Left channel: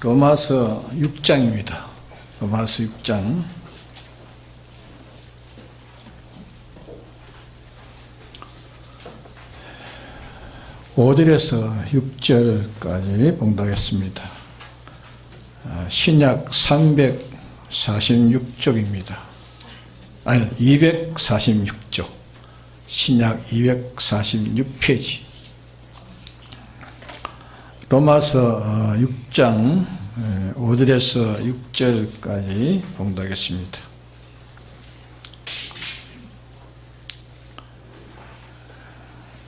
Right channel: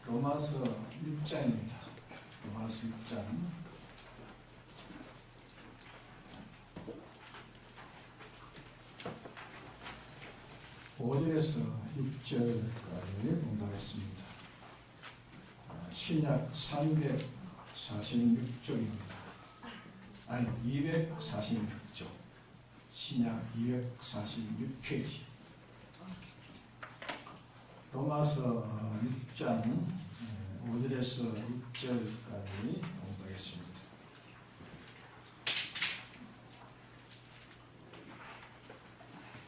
로마서 6장입니다. 로마서 6장. (5절에서) 6절까지 봉독했습니다. 신약 346쪽입니다. 아니 246쪽. 신약 246페이지. 로마서 6장 5절에서 6절까지 봉독하겠습니다.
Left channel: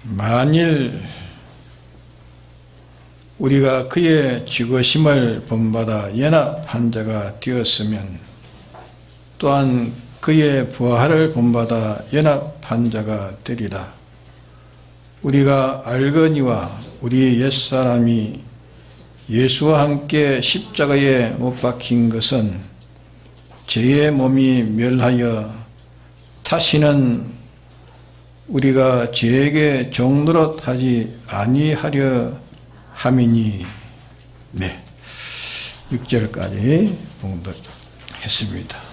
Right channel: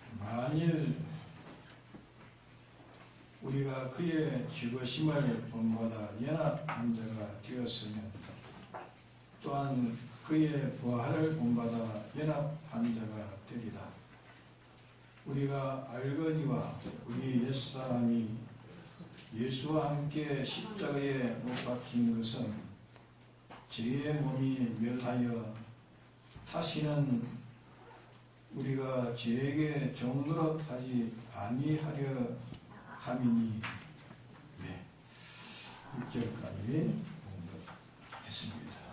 만일 우리가 그의 죽으심을 본받아 연합한 자가 되었으면 또한 그의 부활을 본받아 연합한 자가 되리라. 우리가 알거니와 우리 옛사람이 예수와 함께 십자가에 못 박힌 것은 죄의 몸이 멸하여 다시는 우리가 죄에게 종노릇하지 아니하려 함이니. 네, 6절까지 봉독했습니다.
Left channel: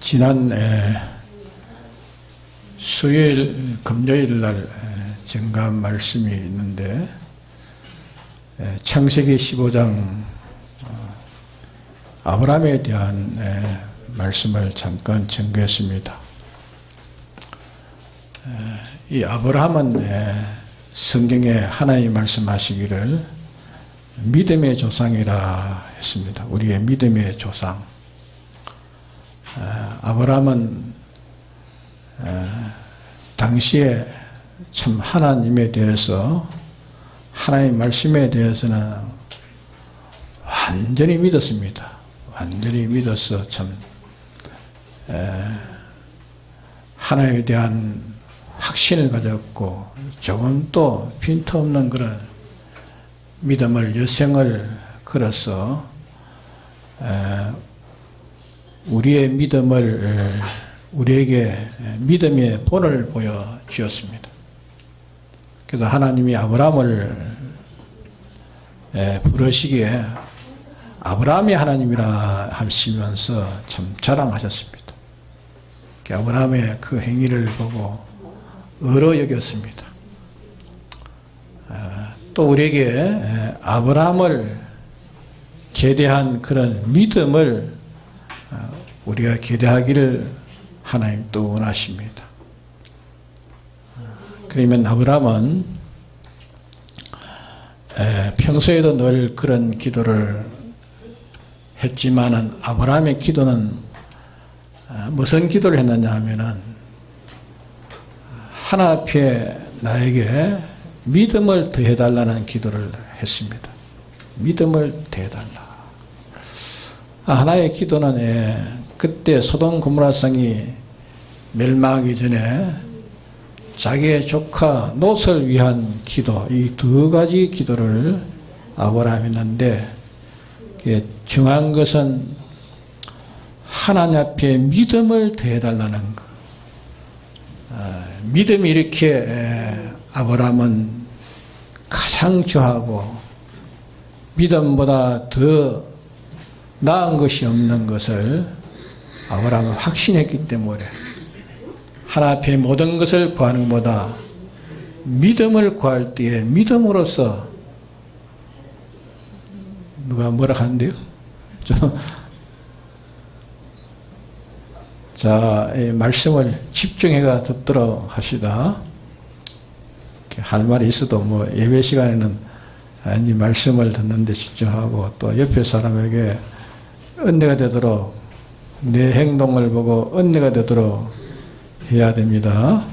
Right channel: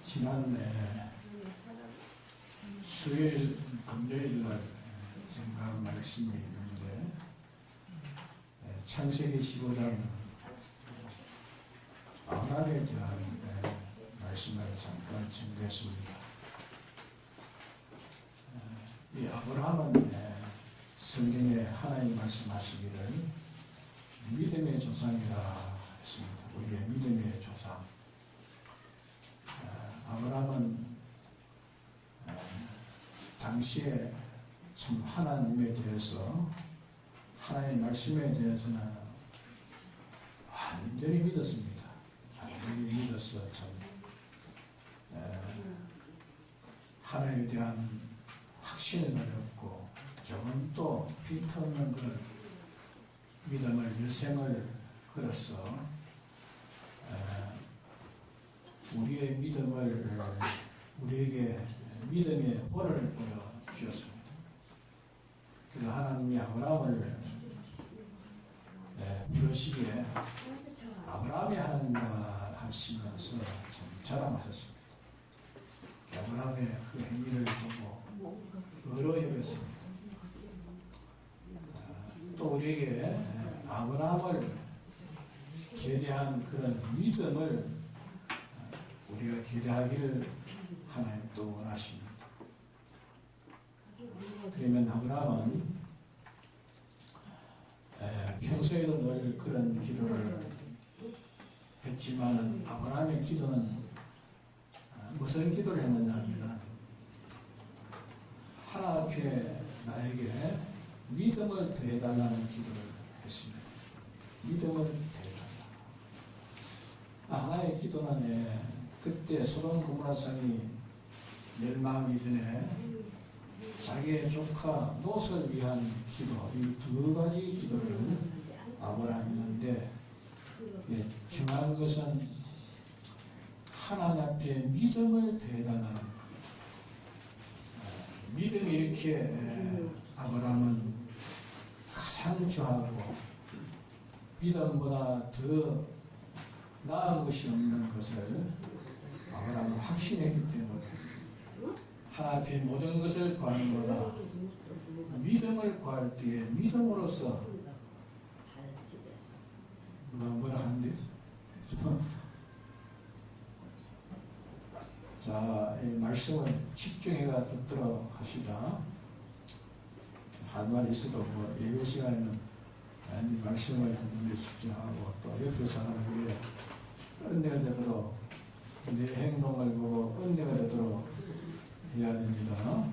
지난 수요일, 금요일 날 증거한 말씀이 있는데 창세기 15장 아브라함에 대한 말씀을 잠깐 증거했습니다. 이 아브라함은 성경에 하나님 말씀하시기를 믿음의 조상이라 했습니다. 우리의 믿음의 조상. 아브라함은 당시에 참 하나님에 대해서, 하나님 말씀에 대해서는 완전히 믿었습니다. 완전히 믿어서 참 하나님에 대한 확신을 가졌고 조금도 빈틈없는 그런 믿음을 여생을 걸어서 우리의 믿음을, 우리에게 믿음의 본을 보여주었습니다. 그래서 하나님이 아브라함을 부르시기에 아브라함이 하나님이라 하시면서 참 자랑하셨습니다. 아브라함의 그 행위를 보고 의로 여겼습니다. 또 우리에게 아브라함을 계대한 그런 믿음을 우리가 기대하기를 하나님 또 원하십니다. 그러면 아브라함은 평소에도 늘 그런 기도를 했지만은 아브라함의 기도는 무슨 기도를 했느냐 하면은 하나 앞에 나에게 믿음을 더해달라는 기도를 했습니다. 믿음을 더해달라. 하나의 기도는 그때 소돔 고모라 성이 멸망하기 전에 자기의 조카 롯을 위한 기도, 이 두 가지 기도를 아브라함이 했는데 중요한 것은 하나님 앞에 믿음을 더해달라는 것. 믿음이 이렇게 아브라함은 가장 좋아하고 믿음보다 더 나은 것이 없는 것을 아브라함은 확신했기 때문에 하나님 앞에 모든 것을 구하는 것보다 믿음을 구할 때에 믿음으로써, 누가 뭐라 하는데요? 자, 이 말씀을 집중해가 듣도록 합시다. 할 말이 있어도 뭐 예배 시간에는 이 말씀을 듣는데 집중하고 또 옆에 사람에게 은혜가 되도록, 내 행동을 보고 은혜가 되도록 해야 됩니다.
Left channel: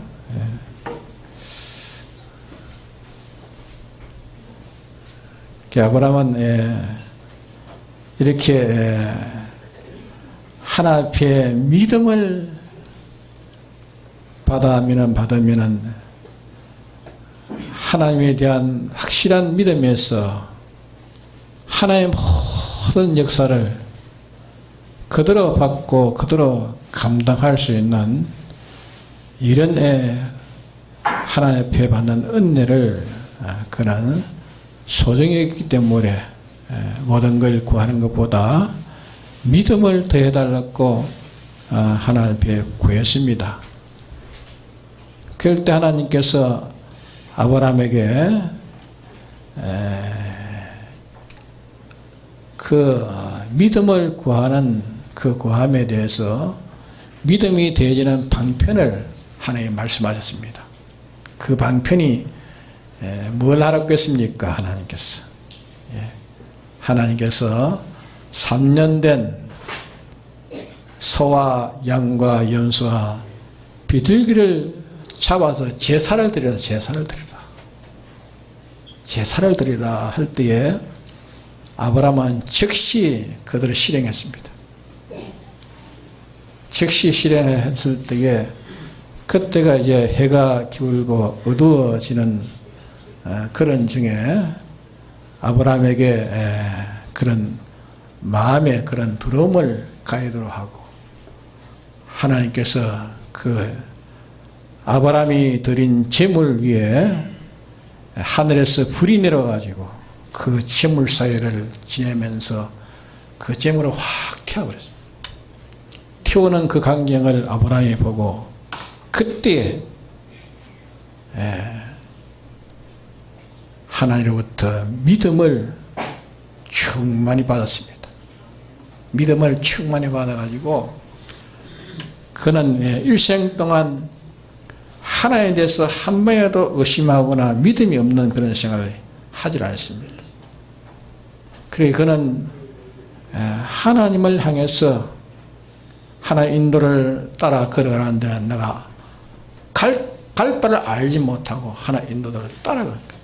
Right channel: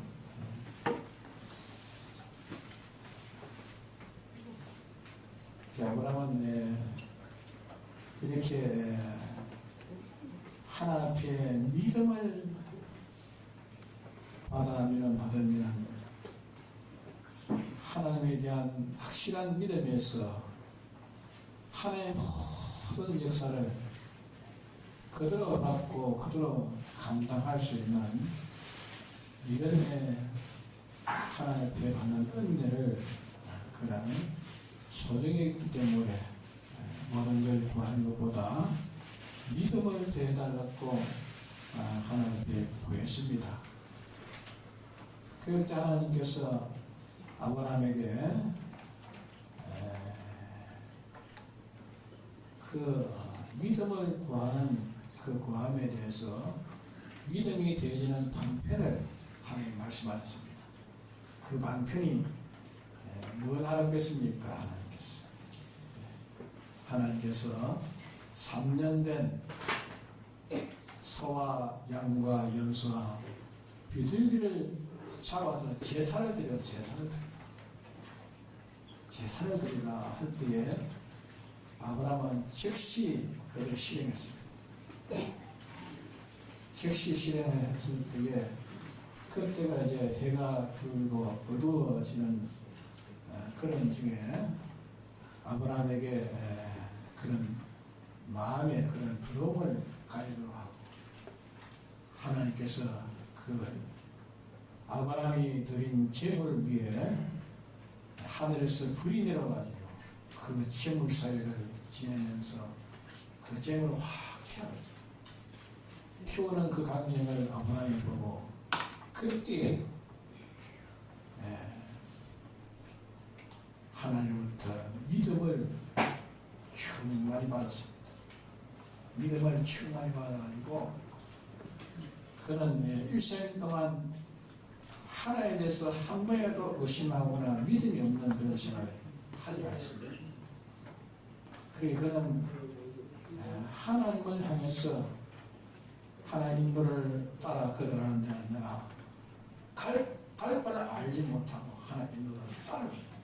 아브라함은 이렇게 하나 앞에 믿음을 받으면 하나님에 대한 확실한 믿음에서 하나님의 모든 역사를 그대로 받고 그대로 감당할 수 있는 이런 하나님 앞에 받는 은혜를 그는 소중히 했기 때문에 모든 걸 구하는 것보다 믿음을 더해달라고 하나님 앞에 구했습니다. 그럴 때 하나님께서 아브라함에게 그 믿음을 구하는 그 구함에 대해서 믿음이 되어지는 방편을 하나님 말씀하셨습니다. 그 방편이 뭘 하라고 했습니까? 하나님께서 3년 된 소와 양과 염소와 비둘기를 잡아서 제사를 드리라 할 때에 아브라함은 즉시 그들을 실행했습니다. 즉시 실행했을 때에 그때가 이제 해가 기울고 어두워지는 그런 중에 아브라함에게 그런 마음의 그런 두려움을 가지도록 하고 하나님께서 그 아브라함이 드린 제물 위에 하늘에서 불이 내려가지고 그 제물 사이를 지내면서 그 제물을 확 태워버렸습니다. 태우는 그 광경을 아브라함이 보고 그때 하나님으로부터 믿음을 충만히 받았습니다. 믿음을 충만히 받아가지고 그는 일생 동안 하나님에 대해서 한 번이라도 의심하거나 믿음이 없는 그런 생활을 하질 않았습니다. 그래서 그는 하나님을 향해서 하나의 인도를 따라 걸어가는 데는 내가 갈 바를 알지 못하고 하나의 인도를 따라간다.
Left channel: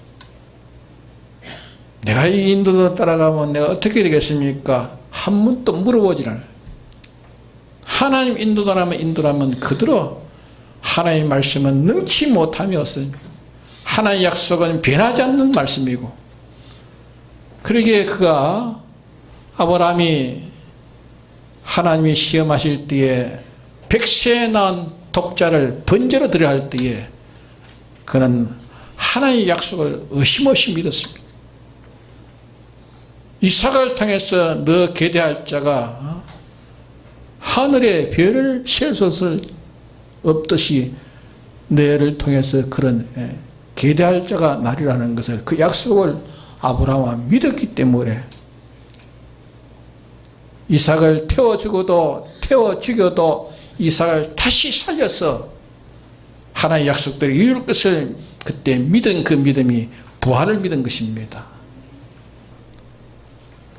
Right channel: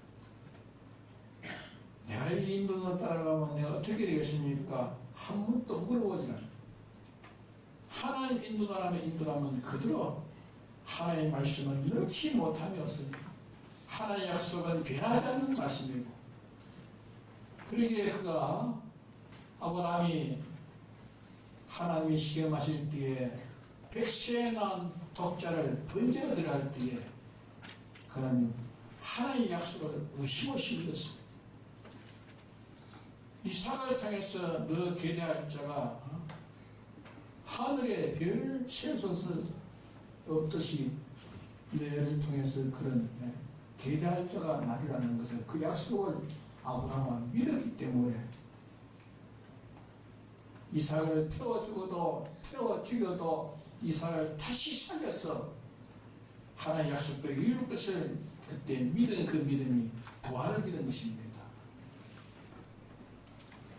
내가 이 인도를 따라가면 내가 어떻게 되겠습니까? 한 번도 물어보질 않아요. 하나님 인도라면 그대로 하나님의 말씀은 능치 못함이 없습니다. 하나님의 약속은 변하지 않는 말씀이고 그러기에 그가 아브라함이 하나님이 시험하실 때에 100세에 낳은 독자를 번제로 드려야 할 때에 그는 하나님의 약속을 의심없이 믿었습니다. 이삭을 통해서 너 계대할 자가 하늘에 별을 셀 수 없듯이 너를 통해서 그런 계대할 자가 나리라는 것을 그 약속을 아브라함은 믿었기 때문에 이삭을 태워 죽여도 이삭을 다시 살려서 하나의 약속대로 이룰 것을 그때 믿은 그 믿음이 부활을 믿은 것입니다.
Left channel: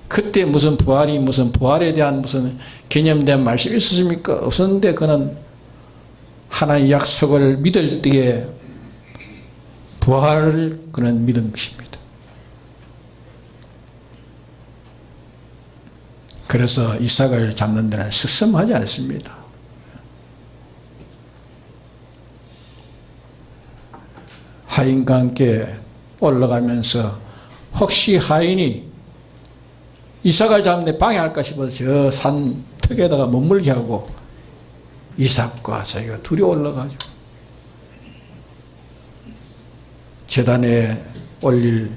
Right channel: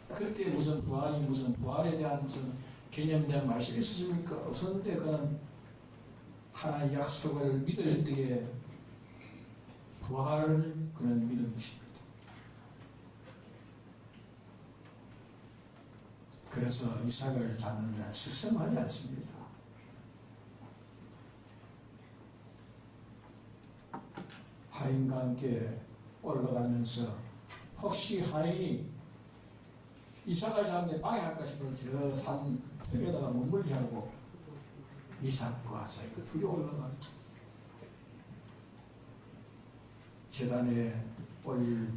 그때 무슨 부활에 대한 무슨 개념된 말씀이 있었습니까? 없었는데 그는 하나의 약속을 믿을 때에 부활을 그는 믿은 것입니다. 그래서 이삭을 잡는 데는 스스럼하지 않습니다. 하인과 함께 올라가면서 혹시 하인이 이삭을 잡는데 방해할까 싶어서 저 산 턱에다가 머물게 하고 이삭과 자기가 둘이 올라가죠. 제단에 올릴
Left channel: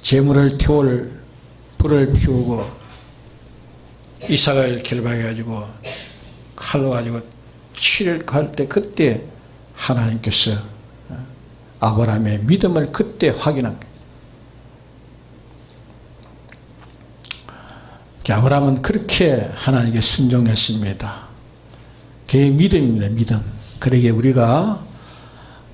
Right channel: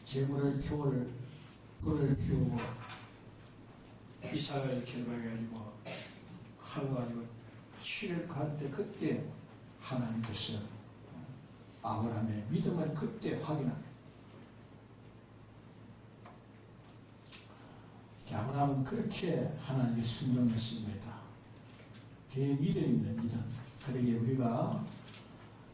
제물을 태울 불을 피우고 이삭을 결박해가지고 칼로 가지고 치려고 할 때 그때 하나님께서 아브라함의 믿음을 그때 확인한 거예요. 아브라함은 그렇게 하나님께 순종했습니다. 그게 믿음입니다. 믿음. 그러기에 우리가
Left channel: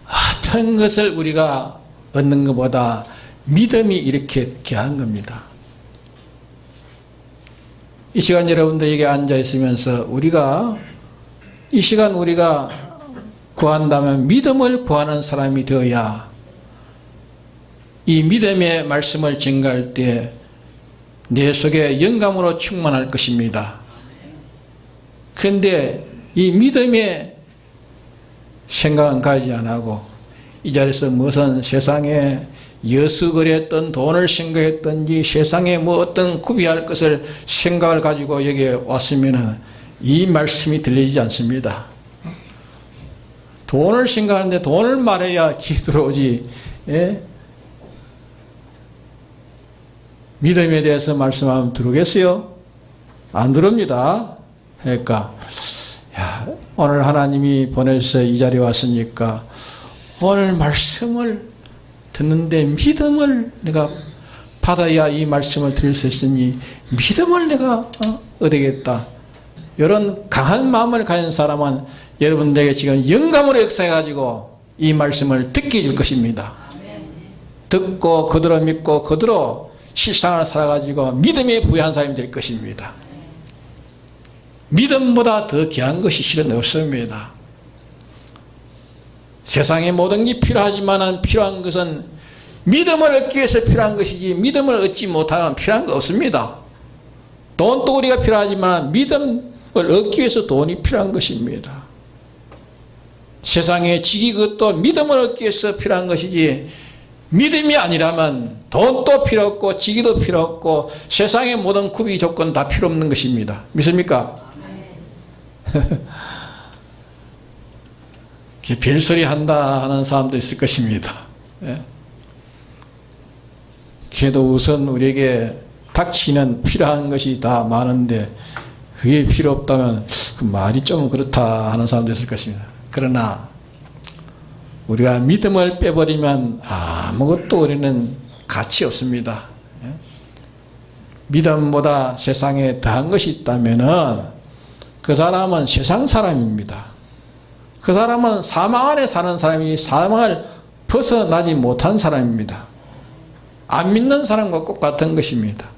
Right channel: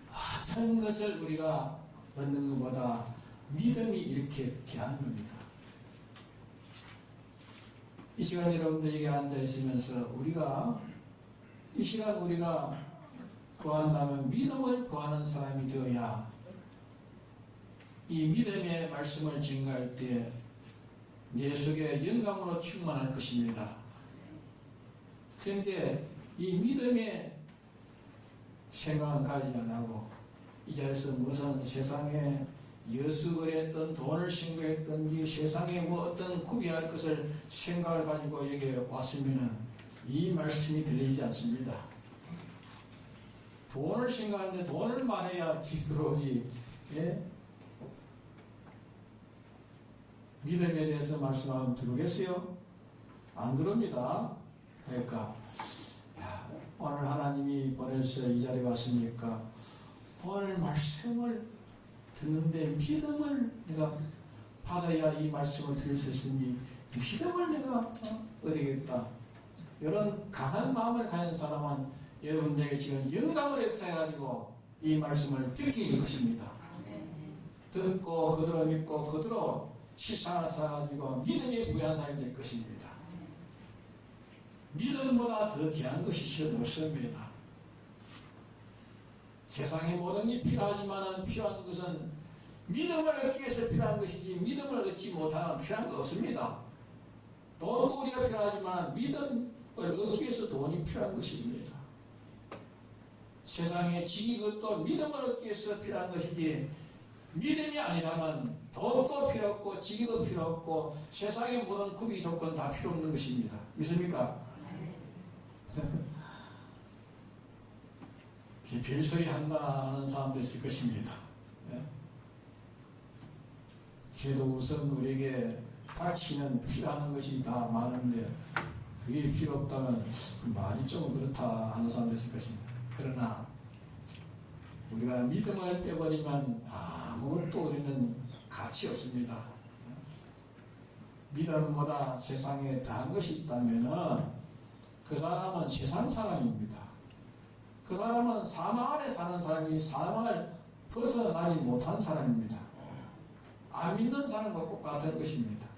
어떤 것을 우리가 얻는 것보다 믿음이 이렇게 귀한 겁니다. 이 시간 여러분들에게 앉아 있으면서 우리가 이 시간 우리가 구한다면 믿음을 구하는 사람이 되어야 이 믿음의 말씀을 증가할 때 내 속에 영감으로 충만할 것입니다. 그런데 이 믿음의 생각은 가지 안 하고 이 자리에서 무슨 세상에 여수거리했던 돈을 생각했던지 세상에 뭐 어떤 구비할 것을 생각을 가지고 여기에 왔으면 이 말씀이 들리지 않습니다. 돈을 생각하는데 돈을 말해야 기 들어오지. 예? 믿음에 대해서 말씀하면 들어오겠어요? 안 들어옵니다. 그러니까 야, 오늘 하나님이 보내서 이 자리에 왔으니까 오늘 말씀을 듣는데 믿음을 내가 받아야 이 말씀을 들을 수 있으니 믿음을 내가 얻겠다. 이런 강한 마음을 가진 사람은 여러분들에게 지금 영감으로 역사해가지고 이 말씀을 듣게 해줄 것입니다. 듣고 그대로 믿고 그대로 실상을 살아가지고 믿음에 부여한 사람이 될 것입니다. 믿음보다 더 귀한 것이 실은 없습니다. 세상에 모든 게 필요하지만 필요한 것은 믿음을 얻기 위해서 필요한 것이지 믿음을 얻지 못하면 필요한 거 없습니다. 돈도 우리가 필요하지만 믿음을 얻기 위해서 돈이 필요한 것입니다. 세상에 지기 그것도 믿음을 얻기 위해서 필요한 것이지 믿음이 아니라면 돈도 필요 없고 지기도 필요 없고 세상의 모든 구비 조건 다 필요 없는 것입니다. 믿습니까? 별소리 한다 하는 사람도 있을 것입니다. 예. 그래도 우선 우리에게 닥치는 필요한 것이 다 많은데 그게 필요 없다면 그 말이 좀 그렇다 하는 사람도 있을 것입니다. 그러나 우리가 믿음을 빼버리면 아무것도 우리는 가치 없습니다. 예. 믿음보다 세상에 더한 것이 있다면 그 사람은 세상 사람입니다. 그 사람은 사망 안에 사는 사람이 사망을 벗어나지 못한 사람입니다. 안 믿는 사람과 똑같은 것입니다.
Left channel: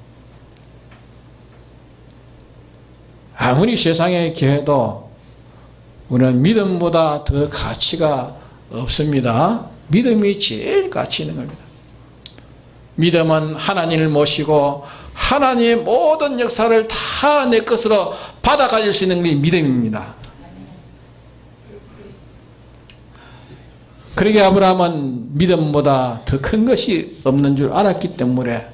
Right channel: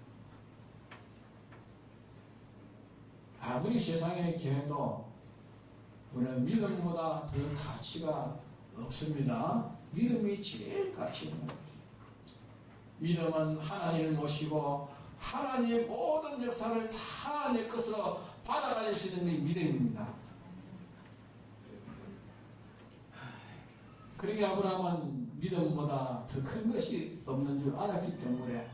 아무리 세상에 기해도 우리는 믿음보다 더 가치가 없습니다. 믿음이 제일 가치 있는 겁니다. 믿음은 하나님을 모시고 하나님의 모든 역사를 다 내 것으로 받아 가질 수 있는 게 믿음입니다. 그러게 아브라함은 믿음보다 더 큰 것이 없는 줄 알았기 때문에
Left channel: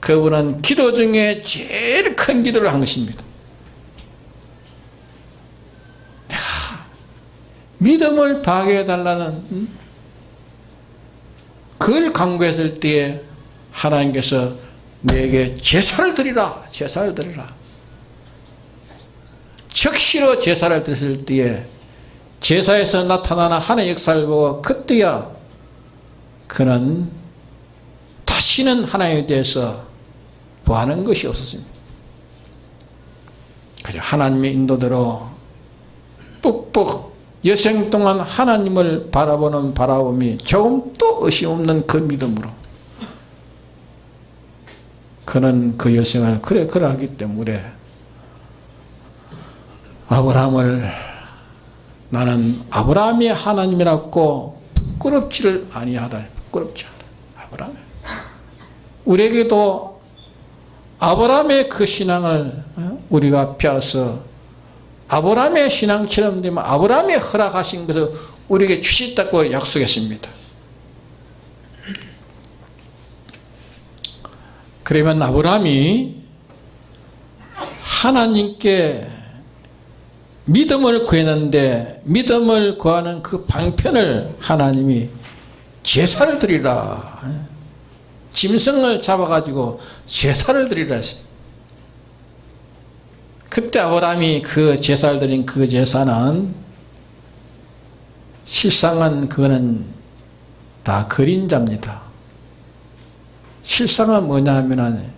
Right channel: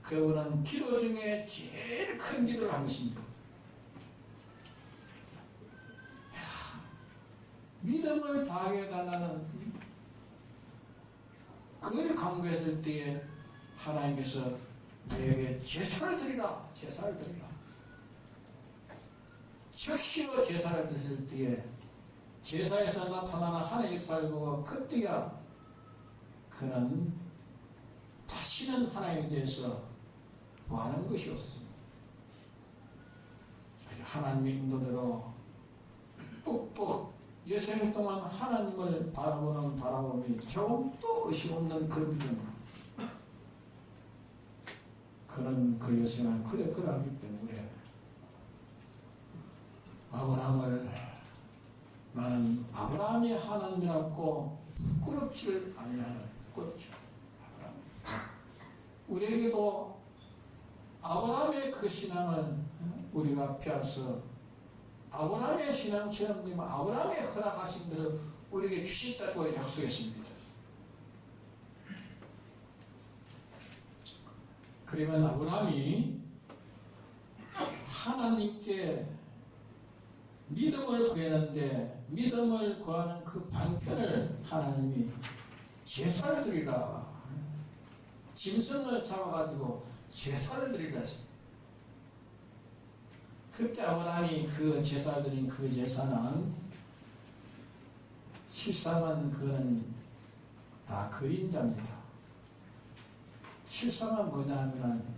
그분은 기도 중에 제일 큰 기도를 한 것입니다. 믿음을 다하게 해달라는 그걸 간구했을 때에 하나님께서 내게 제사를 드리라, 제사를 드리라. 즉시로 제사를 드렸을 때에 제사에서 나타나는 하나님의 역사를 보고 그때야 그는 다시는 하나님에 대해서 구하는 것이 없었습니다. 그저 하나님의 인도대로 뿍뿍 여생 동안 하나님을 바라보는 바라봄이 조금도 의심 없는 그 믿음으로 그는 그 여생을 그러하기 때문에 아브라함을 나는 아브라함이 하나님이라고 부끄럽지를 아니하다. 부끄럽지 않다. 아브라함. 우리에게도 아브라함의 그 신앙을 우리가 펴서 아브라함의 신앙처럼 되면 아브라함이 허락하신 것을 우리에게 주시다고 약속했습니다. 그러면 아브라함이 하나님께 믿음을 구했는데 믿음을 구하는 그 방편을 하나님이 제사를 드리라. 짐승을 잡아가지고 제사를 드리라 했어요. 그때 아브라함이 그 제사를 드린 그 제사는 실상은 그거는 다 그림자입니다. 실상은 뭐냐 하면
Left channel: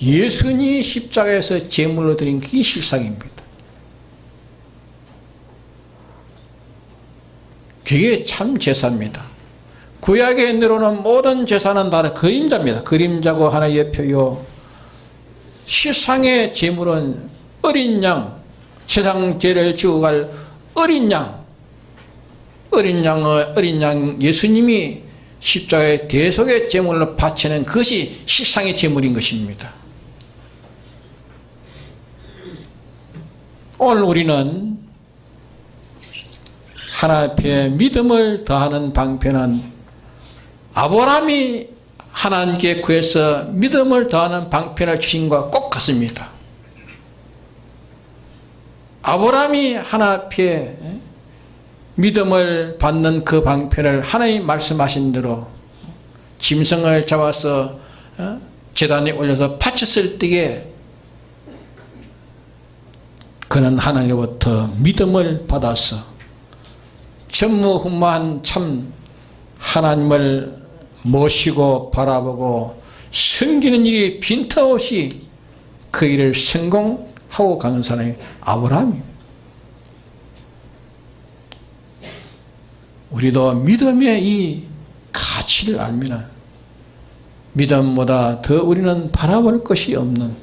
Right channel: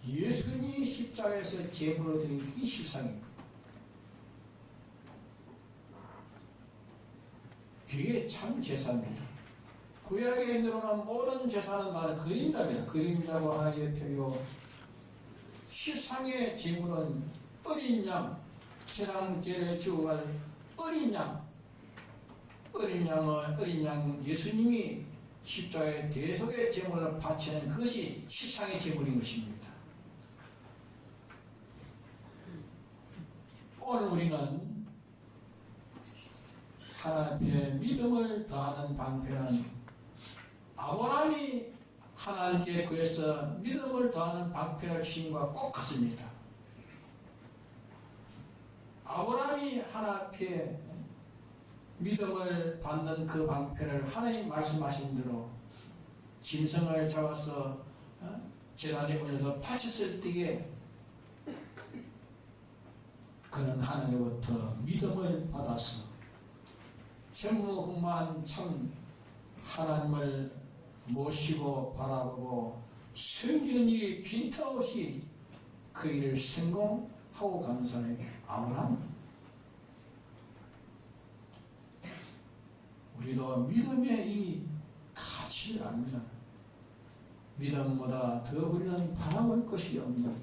예수님이 십자가에서 제물로 드린 그게 실상입니다. 그게 참 제사입니다. 구약에 내려오는 모든 제사는 다 그림자입니다. 그림자고 하나의 표요. 실상의 제물은 어린 양, 세상 죄를 지고 갈 어린 양, 어린 양 예수님이 십자가의 대속의 제물로 바치는 그것이 실상의 제물인 것입니다. 오늘 우리는 하나님 앞에 믿음을 더하는 방편은 아브라함이 하나님께 구해서 믿음을 더하는 방편을 주신 것과 꼭 같습니다. 아브라함이 하나님 앞에 믿음을 받는 그 방편을 하나님이 말씀하신 대로 짐승을 잡아서 제단에 올려서 바쳤을 때에 그는 하나님으로부터 믿음을 받아서 전무후무한 참 하나님을 모시고 바라보고 섬기는 일이 빈틈없이 그 일을 성공하고 가는 사람이 아브라함입니다. 우리도 믿음의 이 가치를 알면 믿음보다 더 우리는 바라볼 것이 없는,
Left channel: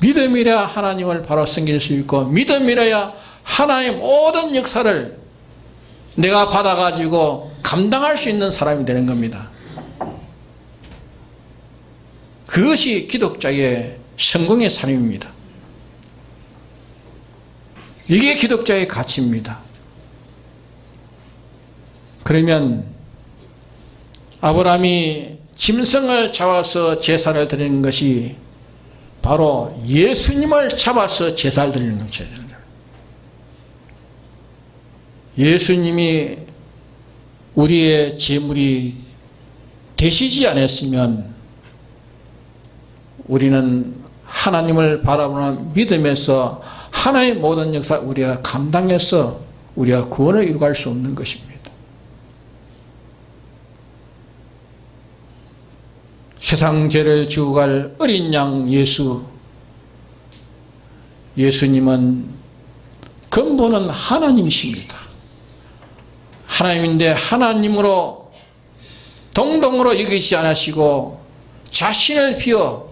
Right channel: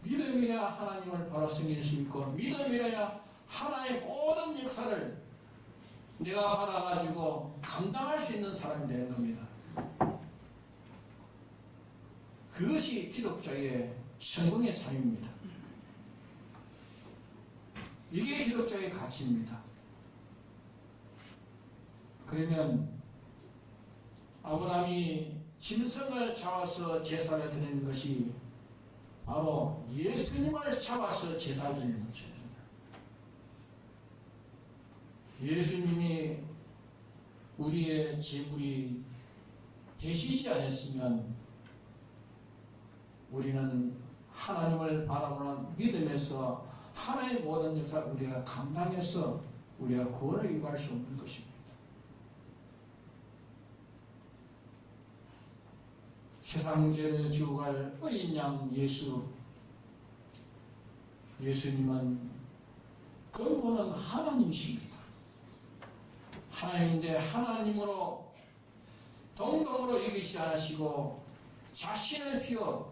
믿음이라 하나님을 바로 섬길 수 있고 믿음이라야 하나님의 모든 역사를 내가 받아가지고 감당할 수 있는 사람이 되는 겁니다. 그것이 기독자의 성공의 삶입니다. 이게 기독자의 가치입니다. 그러면 아브라함이 짐승을 잡아서 제사를 드리는 것이 바로 예수님을 잡아서 제사를 드리는 거죠. 예수님이 우리의 제물이 되시지 않았으면 우리는 하나님을 바라보는 믿음에서 하나의 모든 역사를 우리가 감당해서 우리가 구원을 이루갈 수 없는 것입니다. 세상 죄를 지고 갈 어린 양 예수님은 근본은 하나님이십니다. 하나님인데 하나님으로 동등으로 여기지 않으시고 자신을 비워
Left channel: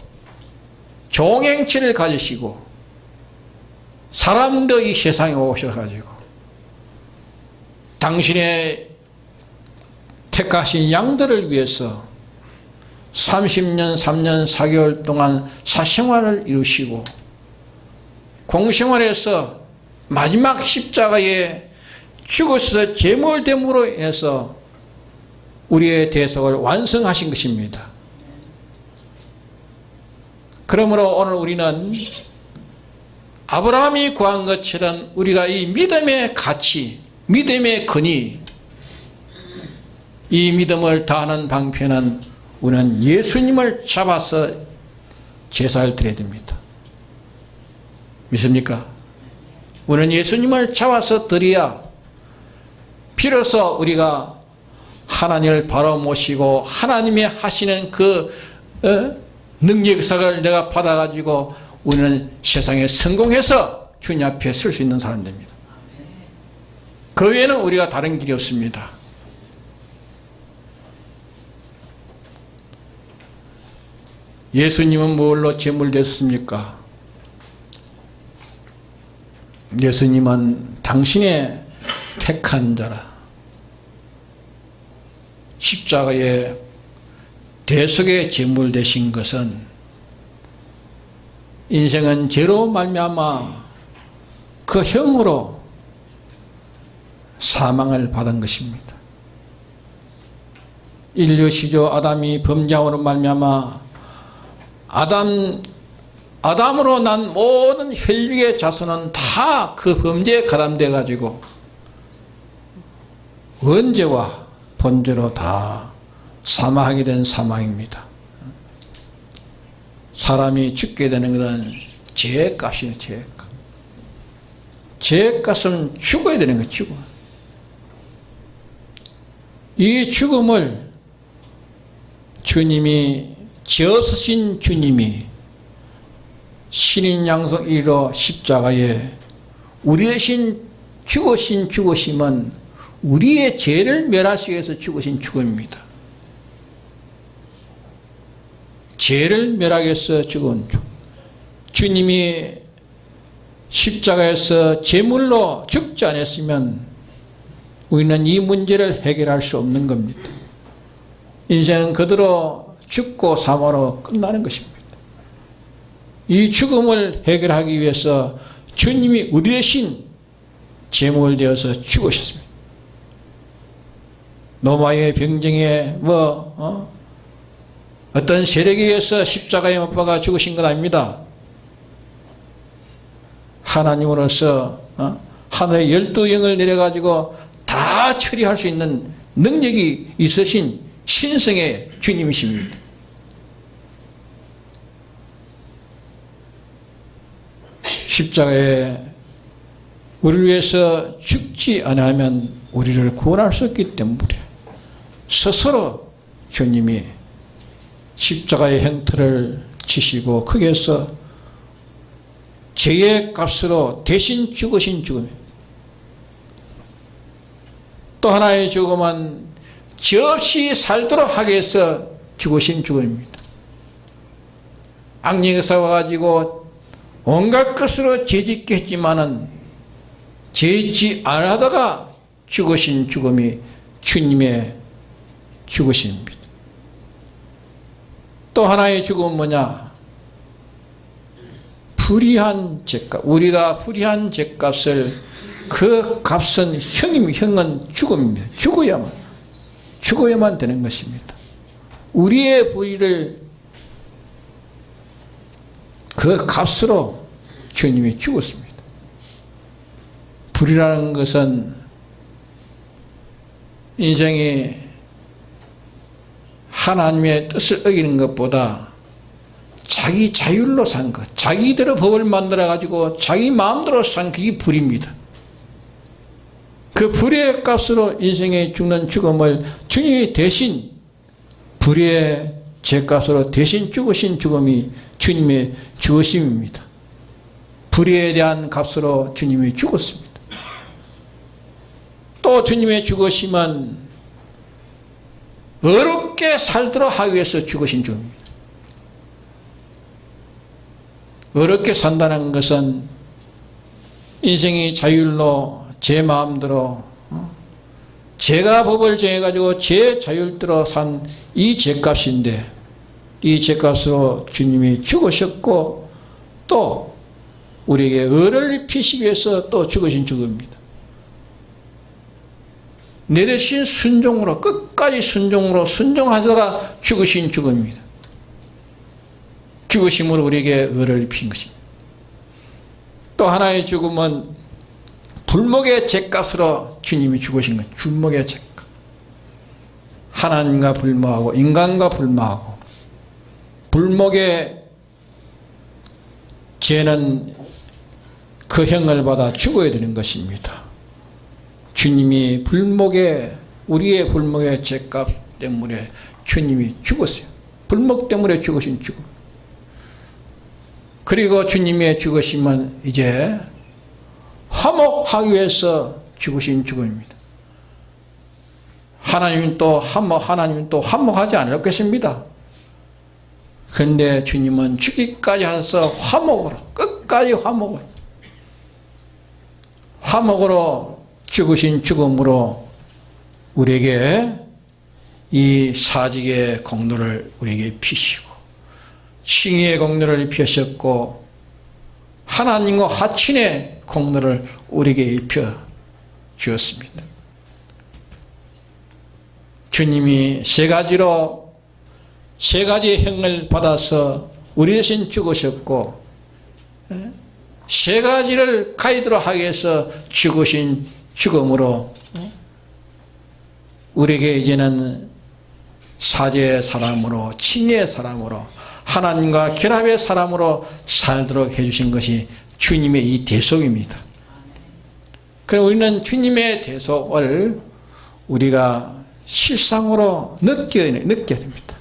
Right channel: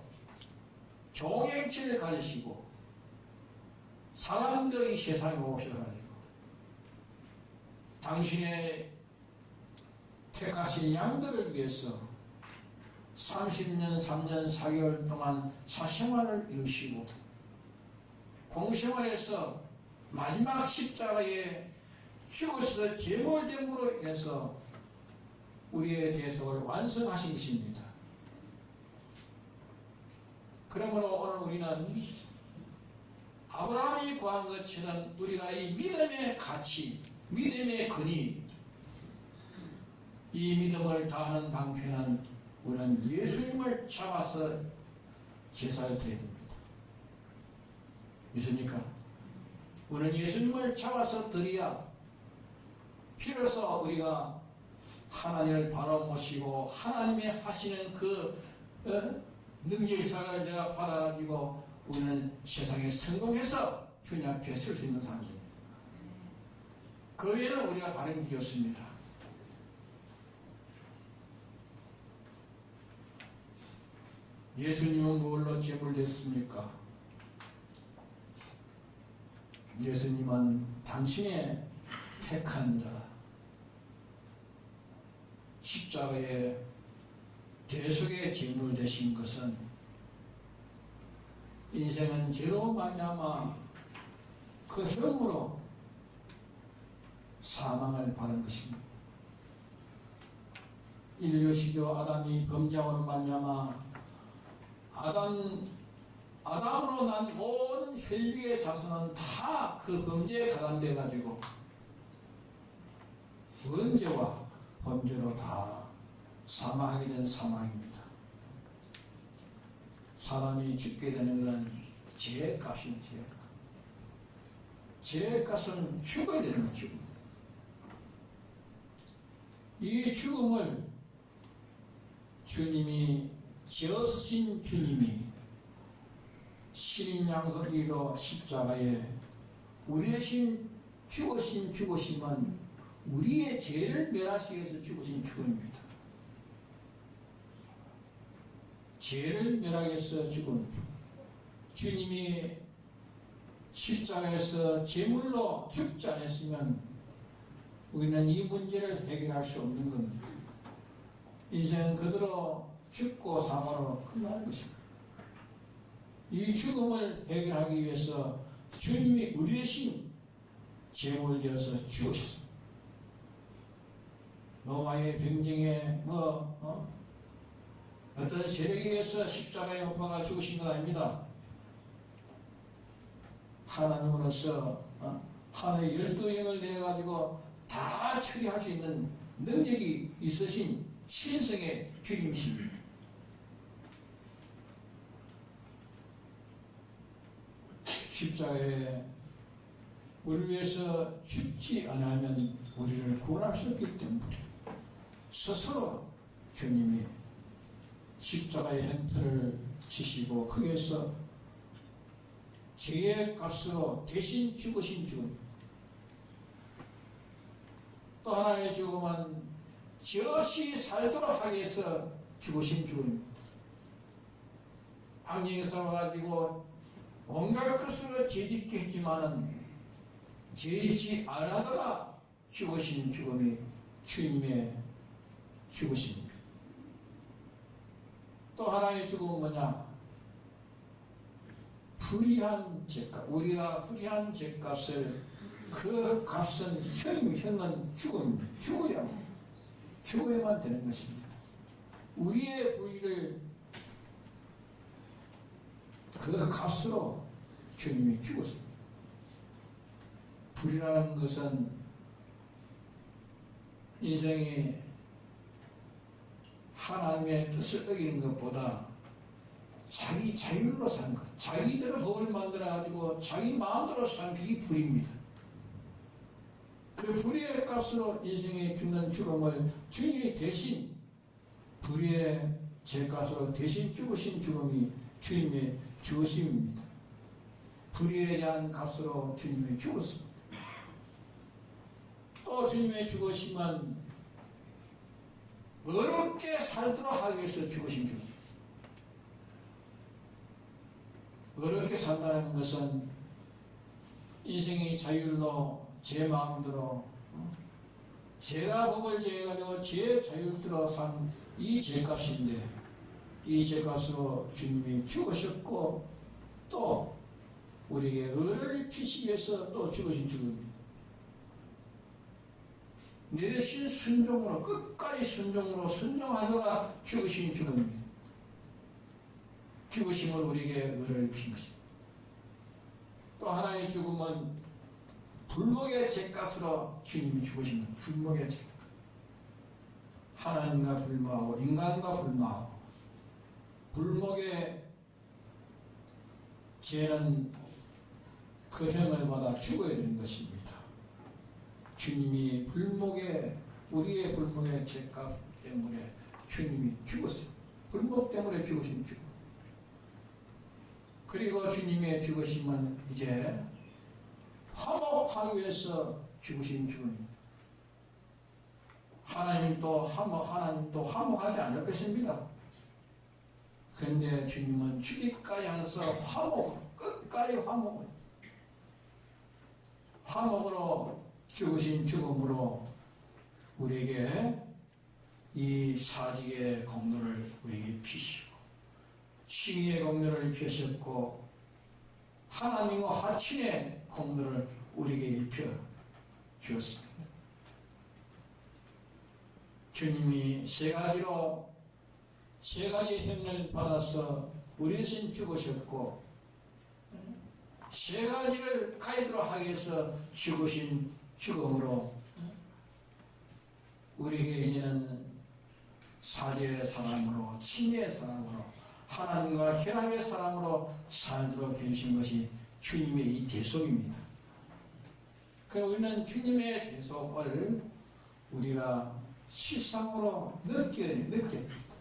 종행체를 가지시고 사람도 이 세상에 오셔가지고 당신의 택하신 양들을 위해서 30년 3년 4개월 동안 사생활을 이루시고 공생활에서 마지막 십자가에 죽어서 제물됨으로 인해서 우리의 대속을 완성하신 것입니다. 그러므로 오늘 우리는 아브라함이 구한 것처럼 우리가 이 믿음의 가치, 믿음의 근위, 이 믿음을 다하는 방편은 우리는 예수님을 잡아서 제사를 드려야 됩니다. 믿습니까? 우리는 예수님을 잡아서 드려야 비로소 우리가 하나님을 바로 모시고 하나님이 하시는 그 능력사를 내가 받아가지고 우리는 세상에 성공해서 주님 앞에 설 수 있는 사람 됩니다. 그 외에는 우리가 다른 길이 없습니다. 예수님은 뭘로 제물됐습니까? 예수님은 당신의 택한 자라. 십자가의 대속의 제물 되신 것은 인생은 죄로 말미암아 그 형으로 사망을 받은 것입니다. 인류 시조 아담이 범죄함으로 말미암아 아담으로 난 모든 혈육의 자손은 다 그 범죄에 가담돼 가지고 원죄와 본죄로 다 사망하게 된 사망입니다. 사람이 죽게 되는 것은 죄값이에요. 죄값. 죄값은 죽어야 되는 거예요. 죽어. 이 죽음을 주님이, 죄 없으신 주님이 신인 양성 이로 십자가에 우리 대신 죽으신 죽으심은 우리의 죄를 멸하시기 위해서 죽으신 죽음입니다. 죄를 멸하기 위해서 죽은 죽음. 주님이 십자가에서 제물로 죽지 않았으면 우리는 이 문제를 해결할 수 없는 겁니다. 인생은 그대로 죽고 사망으로 끝나는 것입니다. 이 죽음을 해결하기 위해서 주님이 우리 대신 제물되어서 죽으셨습니다. 로마의 병정에 어떤 세력에 의해서 십자가에 못 박아 죽으신 건 아닙니다. 하나님으로서 하늘의 12영을 내려가지고 다 처리할 수 있는 능력이 있으신 신성의 주님이십니다. 십자가에 우리를 위해서 죽지 않으면 우리를 구원할 수 없기 때문에 스스로 주님이 십자가의 형태를 지시고 거기에서 죄의 값으로 대신 죽으신 죽음, 또 하나의 죽음은 죄 없이 살도록 하기 위해서 죽으신 죽음입니다. 악령에서 와가지고 온갖 것으로 죄짓게 했지만은 죄짓지 않아다가 죽으신 죽음이 주님의 죽으심입니다. 또 하나의 죽음은 뭐냐? 불의한 죄값. 우리가 불의한 죄값을 그 값은 형은 죽음입니다. 죽어야만 되는 것입니다. 우리의 불의를 그 값으로 주님이 죽었습니다. 불의라는 것은 인생이 하나님의 뜻을 어기는 것보다 자기 자율로 산 것, 자기대로 법을 만들어가지고 자기 마음대로 산 그게 불의입니다. 그 불의의 값으로 인생에 죽는 죽음을 주님이 대신 불의의 죄값으로 대신 죽으신 죽음이 주님의 죽으심입니다. 불의에 대한 값으로 주님이 죽었습니다. 또 주님의 죽으심은 어렵게 살도록 하기 위해서 죽으신 죽음입니다. 어렵게 산다는 것은 인생이 자율로 제 마음대로 제가 법을 정해가지고 제 자율대로 산 이 죄값인데 이 죄값으로 주님이 죽으셨고 또 우리에게 의를 입히시기 위해서 또 죽으신 죽음입니다. 내 대신 순종으로 끝까지 순종하다가 죽으신 죽음입니다. 죽으심으로 우리에게 의를 입힌 것입니다. 또 하나의 죽음은 불목의 죄값으로 주님이 죽으신 것. 불목의 죄값. 하나님과 불모하고 인간과 불모하고 불목의 죄는 그 형을 받아 죽어야 되는 것입니다. 주님이 우리의 불목의 죄값 때문에 주님이 죽었어요. 불목 때문에 죽으신 죽음. 그리고 주님의 죽으심은 이제 화목하기 위해서 죽으신 죽음입니다. 하나님은 또 화목하지 않았겠습니다. 그런데 주님은 죽기까지 하셔서 끝까지 화목으로 죽으신 죽음으로 우리에게 이 사직의 공로를 우리에게 피시고 칭의의 공로를 입히셨고 하나님과 화친의 공로를 우리에게 입혀 주었습니다. 주님이 세 가지의 형을 받아서 우리 대신 죽으셨고 세 가지를 가이도록 하기 위해서 죽으신 죽음으로 우리에게 이제는 사죄의 사람으로 칭의의 사람으로 하나님과 결합의 사람으로 살도록 해주신 것이 주님의 이 대속입니다. 그럼 우리는 주님의 대속을 우리가 실상으로 느껴야 됩니다.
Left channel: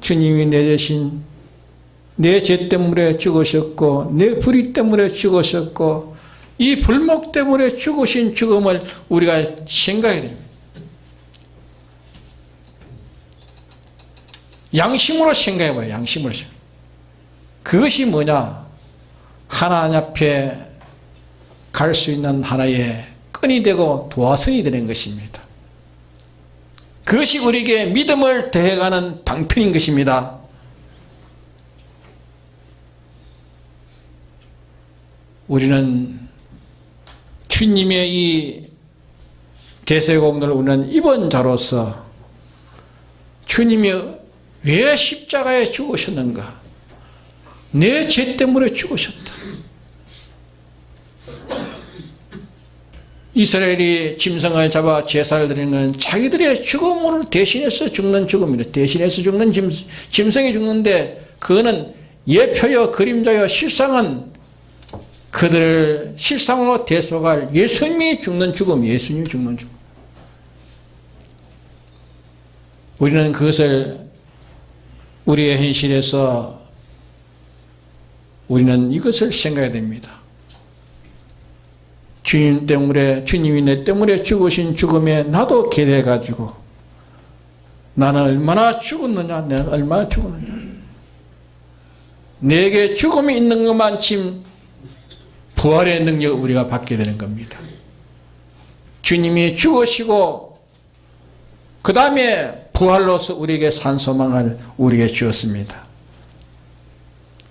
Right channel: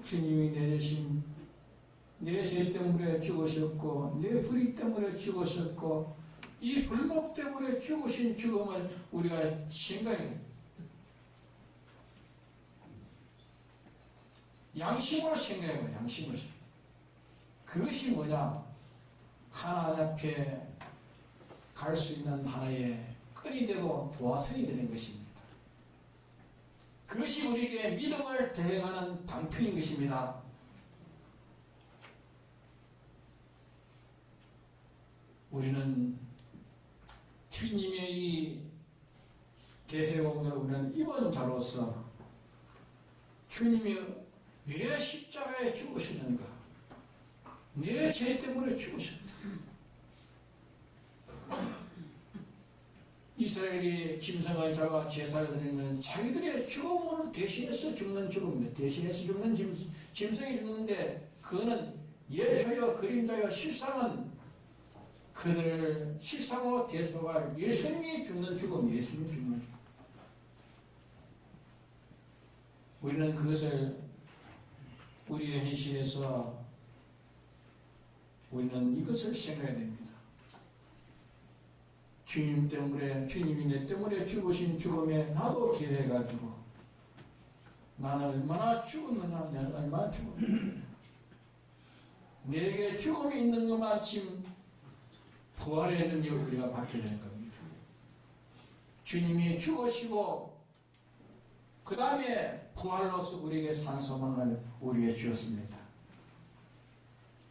주님이 내 대신 내 죄 때문에 죽으셨고 내 불의 때문에 죽으셨고 이 불목 때문에 죽으신 죽음을 우리가 생각해야 됩니다. 양심으로 생각해봐요. 양심으로. 그것이 뭐냐? 하나님 앞에 갈 수 있는 하나의 끈이 되고 도화선이 되는 것입니다. 그것이 우리에게 믿음을 더해가는 방편인 것입니다. 우리는 주님의 이 대세공로를 우리는 입은 자로서 주님이 왜 십자가에 죽으셨는가? 내 죄 때문에 죽으셨다. 이스라엘이 짐승을 잡아 제사를 드리는 자기들의 죽음을 대신해서 죽는 죽음이다. 대신해서 죽는 짐승이 죽는데 그거는 예표여 그림자여 실상은 그들을 실상으로 대속할 예수님이 죽는 죽음, 예수님이 죽는 죽음. 우리는 그것을 우리의 현실에서 우리는 이것을 생각해야 됩니다. 주님 때문에, 주님이 내 때문에 죽으신 죽음에 나도 기대가지고 나는 얼마나 죽었느냐, 내가 얼마나 죽었느냐. 내게 죽음이 있는 것만큼 부활의 능력을 우리가 받게 되는 겁니다. 주님이 죽으시고 그 다음에 부활로서 우리에게 산 소망을 우리에게 주었습니다.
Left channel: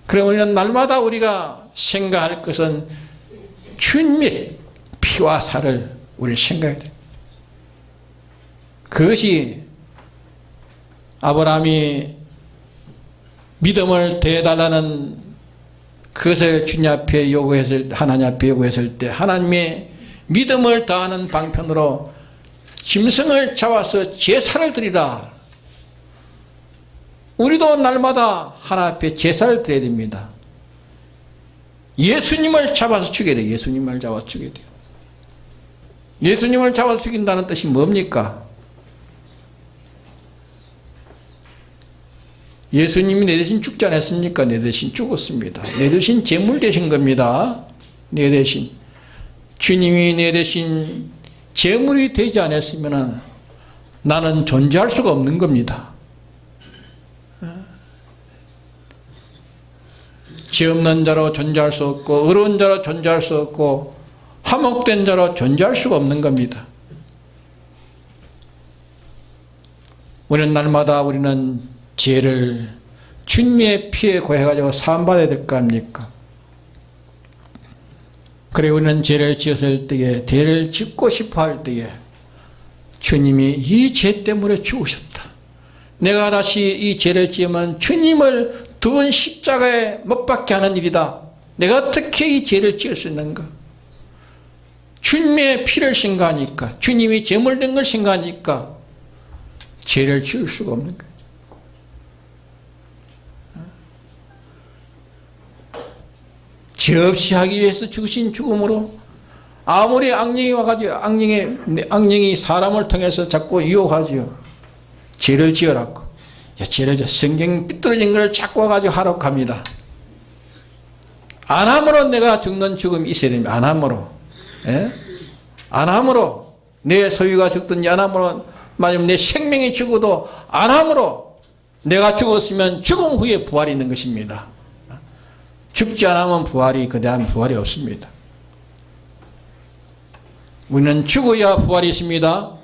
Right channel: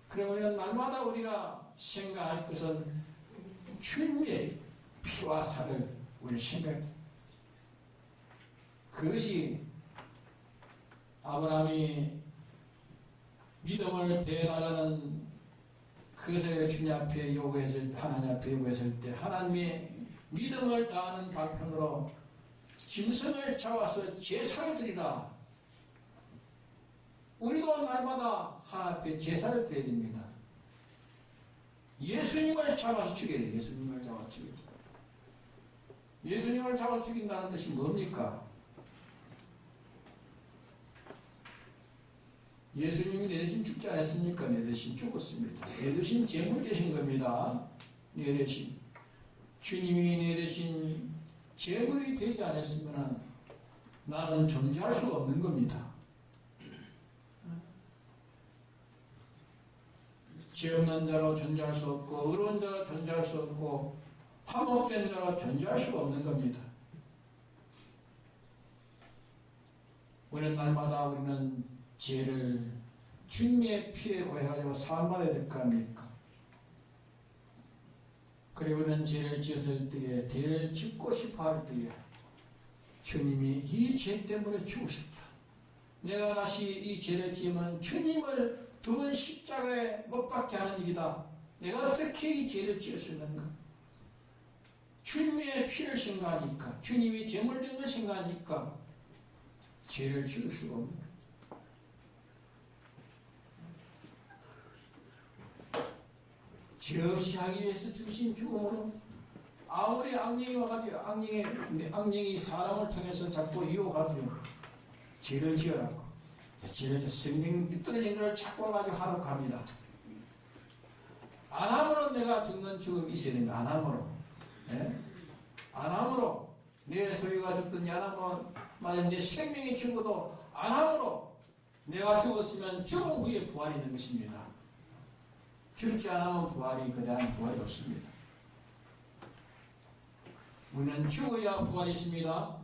그럼 우리는 날마다 우리가 생각할 것은 주님의 피와 살을 우리 생각해야 됩니다. 그것이 아브라함이 믿음을 대해달라는 그것을 주님 앞에 요구했을, 하나님 앞에 요구했을 때 하나님의 믿음을 다하는 방편으로 짐승을 잡아서 제사를 드리라. 우리도 날마다 하나님 앞에 제사를 드려야 됩니다. 예수님을 잡아서 죽여야 돼요. 예수님을 잡아서 죽여야 돼요. 예수님을 잡아서 죽인다는 뜻이 뭡니까? 예수님이 내 대신 죽지 않았습니까? 내 대신 죽었습니다. 내 대신 제물 되신 겁니다. 내 대신. 주님이 내 대신 제물이 되지 않았으면 나는 존재할 수가 없는 겁니다. 죄 없는 자로 존재할 수 없고 어려운 자로 존재할 수 없고 화목된 자로 존재할 수가 없는 겁니다. 우리는 날마다 우리는 죄를 주님의 피에 구해가지고 사함받아야 될 거 아닙니까? 그래 우리는 죄를 지었을 때에 죄를 짓고 싶어 할 때에 주님이 이 죄 때문에 죽으셨다. 내가 다시 이 죄를 지으면 주님을 두 번 십자가에 못 박게 하는 일이다. 내가 어떻게 이 죄를 지을 수 있는가? 주님의 피를 생각하니까, 주님이 제물된 걸 생각하니까 죄를 지을 수가 없는 거예요. 죄 없이 하기 위해서 죽으신 죽음으로 아무리 악령이 와가지고 악령이 사람을 통해서 자꾸 유혹하지요. 죄를 지으라고. 죄를 지어 성경 삐뚤어진 걸 자꾸 와가지고 하라고 합니다. 안 함으로 내가 죽는 죽음이 있어야 됩니다. 안 함으로. 예? 안 함으로 내 소유가 죽든지 안 함으로 만약 내 생명이 죽어도 안 함으로 내가 죽었으면 죽음 후에 부활이 있는 것입니다. 죽지 않으면 부활이 그다음 부활이 없습니다. 우리는 죽어야 부활이 있습니다.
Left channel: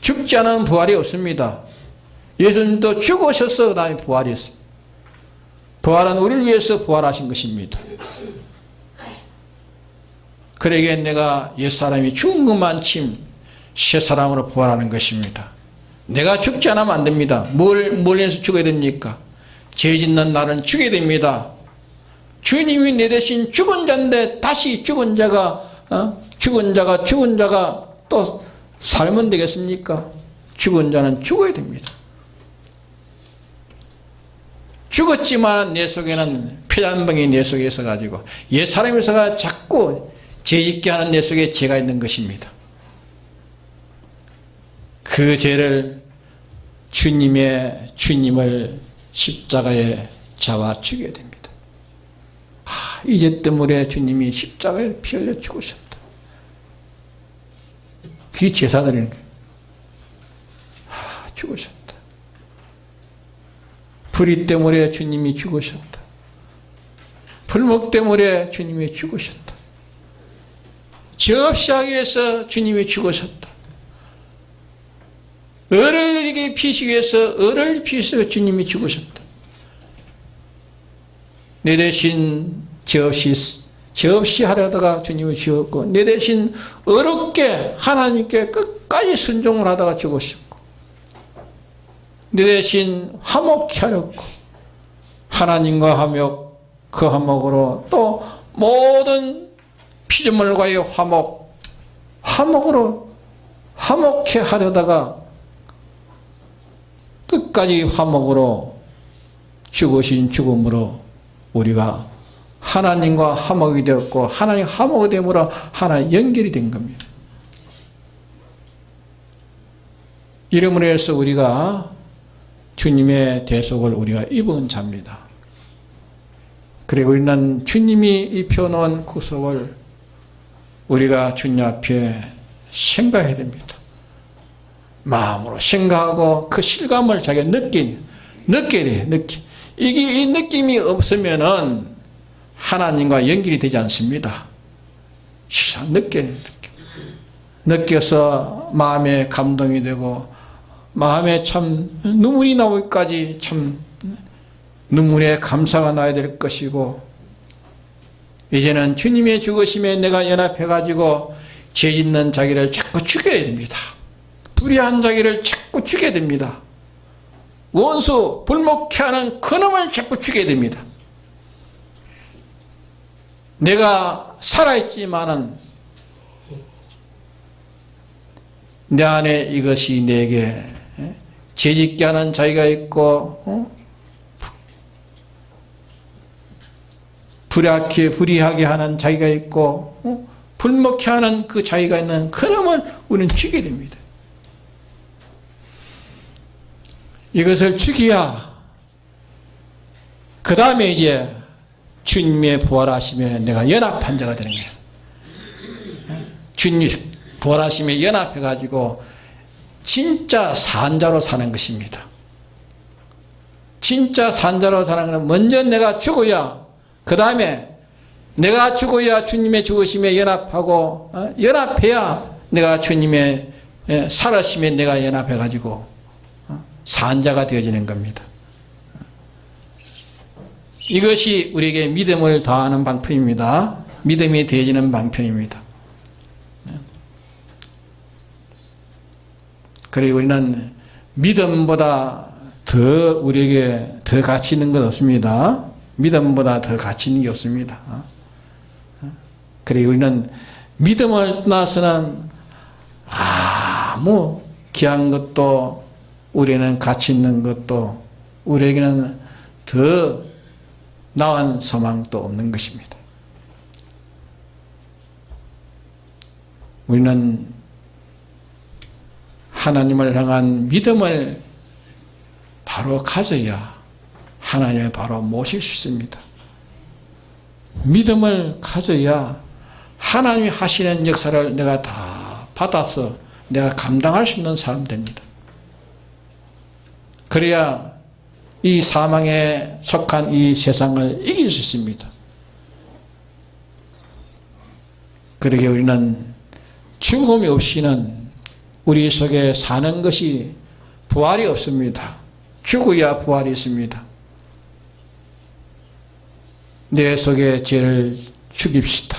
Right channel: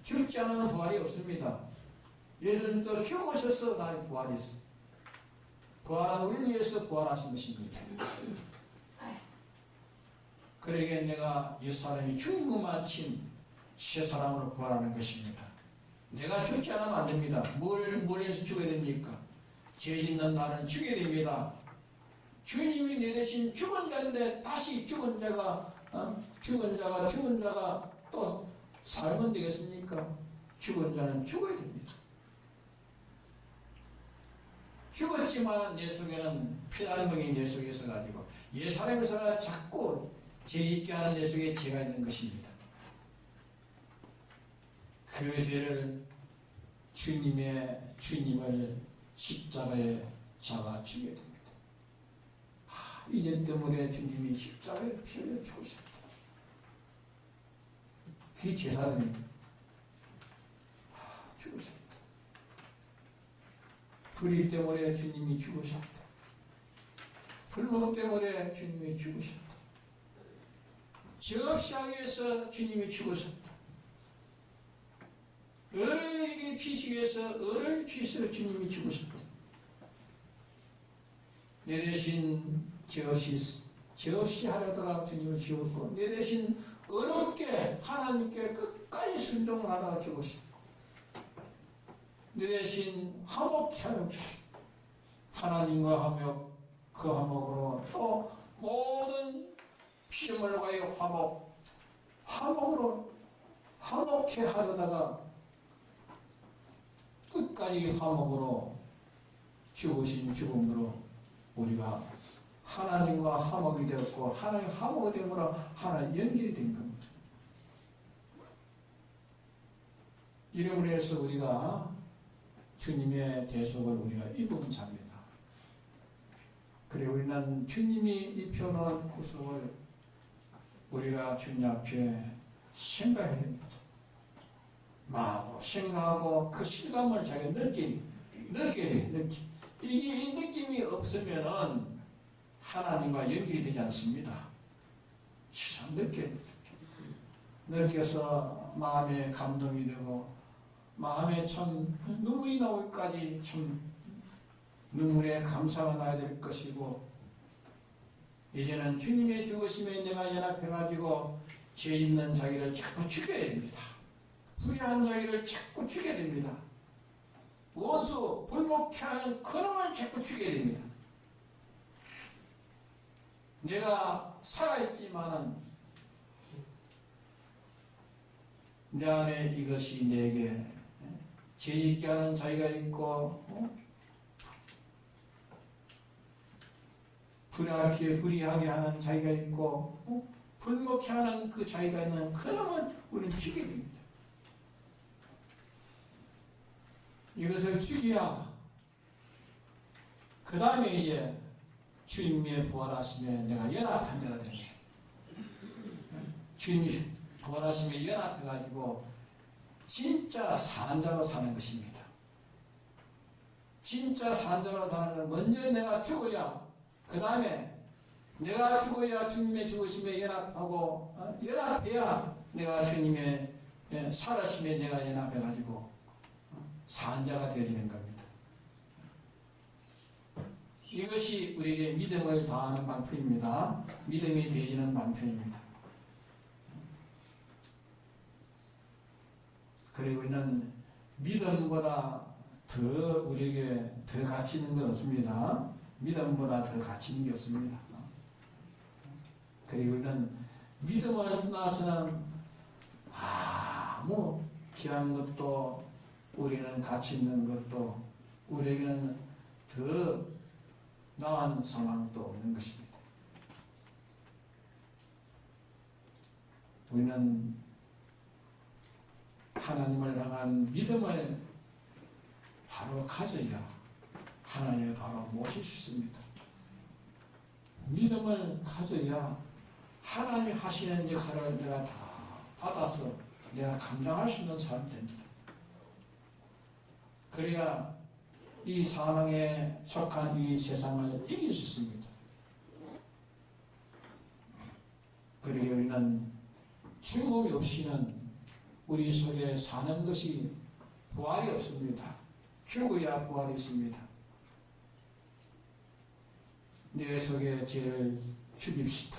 죽지 않으면 부활이 없습니다. 예수님도 죽으셔서 그 다음에 부활이 있습니다. 부활은 우리를 위해서 부활하신 것입니다. 그러기에 내가 옛사람이 죽은 것만큼 새사람으로 부활하는 것입니다. 내가 죽지 않으면 안 됩니다. 뭘 위해서 죽어야 됩니까? 죄 짓는 날은 죽어야 됩니다. 주님이 내 대신 죽은 자인데 다시 죽은 자가 또 살면 되겠습니까? 죽은 자는 죽어야 됩니다. 죽었지만 내 속에는 폐단병이 내 속에 있어가지고 옛사람이 있어가 자꾸 죄짓게 하는 내 속에 죄가 있는 것입니다. 그 죄를 주님을 십자가에 잡아 죽여야 됩니다. 이 죄 때문에 주님이 십자가에 피 흘려 죽으셨다. 그게 제사드리는 거예요. 죽으셨다. 불의 때문에 주님이 죽으셨다. 불목 때문에 주님이 죽으셨다. 죄 없이 하기 위해서 주님이 죽으셨다. 을을 이렇게 피시기 위해서 을을 피셔서 주님이 죽으셨다. 내 대신 죄 없이 죄 없이 하려다가 주님이 죽었고, 내 대신 어렵게 하나님께 끝까지 순종을 하다가 죽으셨고, 내 대신 화목케 하렸고, 하나님과 화목, 그 화목으로 또 모든 피조물과의 화목으로 화목케 하려다가 끝까지 화목으로 죽으신 죽음으로 우리가 하나님과 화목이 되었고, 하나님 화목이 됨으로 하나님 연결이 된 겁니다. 이름으로 해서 우리가 주님의 대속을 우리가 입은 자입니다. 그리고 우리는 주님이 입혀놓은 구속을 우리가 주님 앞에 생각해야 됩니다. 마음으로 생각하고 그 실감을 자기가 느껴야 돼. 이 느낌이 없으면은 하나님과 연결이 되지 않습니다. 시선 느껴서 마음에 감동이 되고, 마음에 참 눈물이 나오기까지 참 눈물에 감사가 나야 될 것이고, 이제는 주님의 죽으심에 내가 연합해가지고 죄 짓는 자기를 자꾸 죽여야 됩니다. 불의한 자기를 자꾸 죽여야 됩니다. 원수 불목케 하는 그놈을 자꾸 죽여야 됩니다. 내가 살아있지만은 내 안에 이것이 내게 죄짓게 하는 자기가 있고, 불의하게 하는 자기가 있고, 불목케 하는 그 자기가 있는 그놈을 우리는 죽여야 됩니다. 이것을 죽여야 그 다음에 이제 주님의 부활하심에 내가 연합한 자가 되는 거예요. 주님 부활하심에 연합해가지고 진짜 산자로 사는 것입니다. 진짜 산자로 사는 것은 먼저 내가 죽어야, 그 다음에 내가 죽어야 주님의 죽으심에 연합하고, 연합해야 내가 주님의 살아심에 내가 연합해가지고 산자가 되어지는 겁니다. 이것이 우리에게 믿음을 더하는 방편입니다. 믿음이 되어지는 방편입니다. 그리고 우리는 믿음보다 더 우리에게 더 가치 있는 것 없습니다. 믿음보다 더 가치 있는 게 없습니다. 그리고 우리는 믿음을 떠나서는 아무 귀한 것도, 우리는 가치 있는 것도, 우리에게는 더 나은 소망도 없는 것입니다. 우리는 하나님을 향한 믿음을 바로 가져야 하나님을 바로 모실 수 있습니다. 믿음을 가져야 하나님이 하시는 역사를 내가 다 받아서 내가 감당할 수 있는 사람 됩니다. 그래야 이 사망에 속한 이 세상을 이길 수 있습니다. 그러게 우리는 죽음이 없이는 우리 속에 사는 것이 부활이 없습니다. 죽어야 부활이 있습니다. 내 속에 죄를 죽입시다.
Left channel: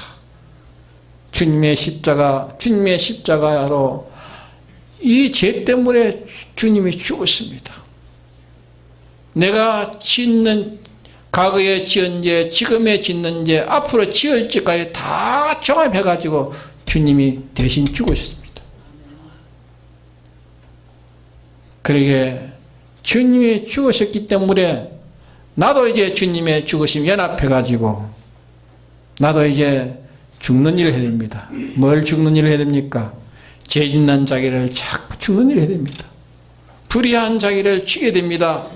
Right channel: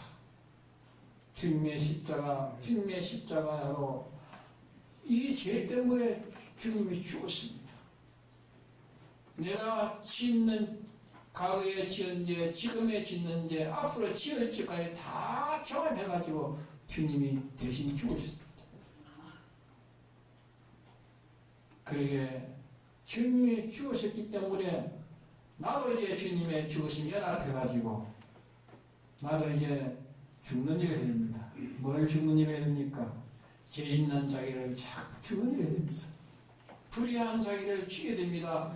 주님의 십자가로 이 죄 때문에 주님이 죽었습니다. 내가 짓는, 과거에 지은 죄, 지금에 짓는 죄, 앞으로 지을 죄까지 다 종합해가지고 주님이 대신 죽으셨습니다. 그러게 주님이 죽으셨기 때문에 나도 이제 주님의 죽으심 연합해가지고 나도 이제 죽는 일을 해야 됩니다. 뭘 죽는 일을 해야 됩니까? 죄 짓는 자기를 자꾸 죽는 일을 해야 됩니다. 불의한 자기를 죽여야 됩니다.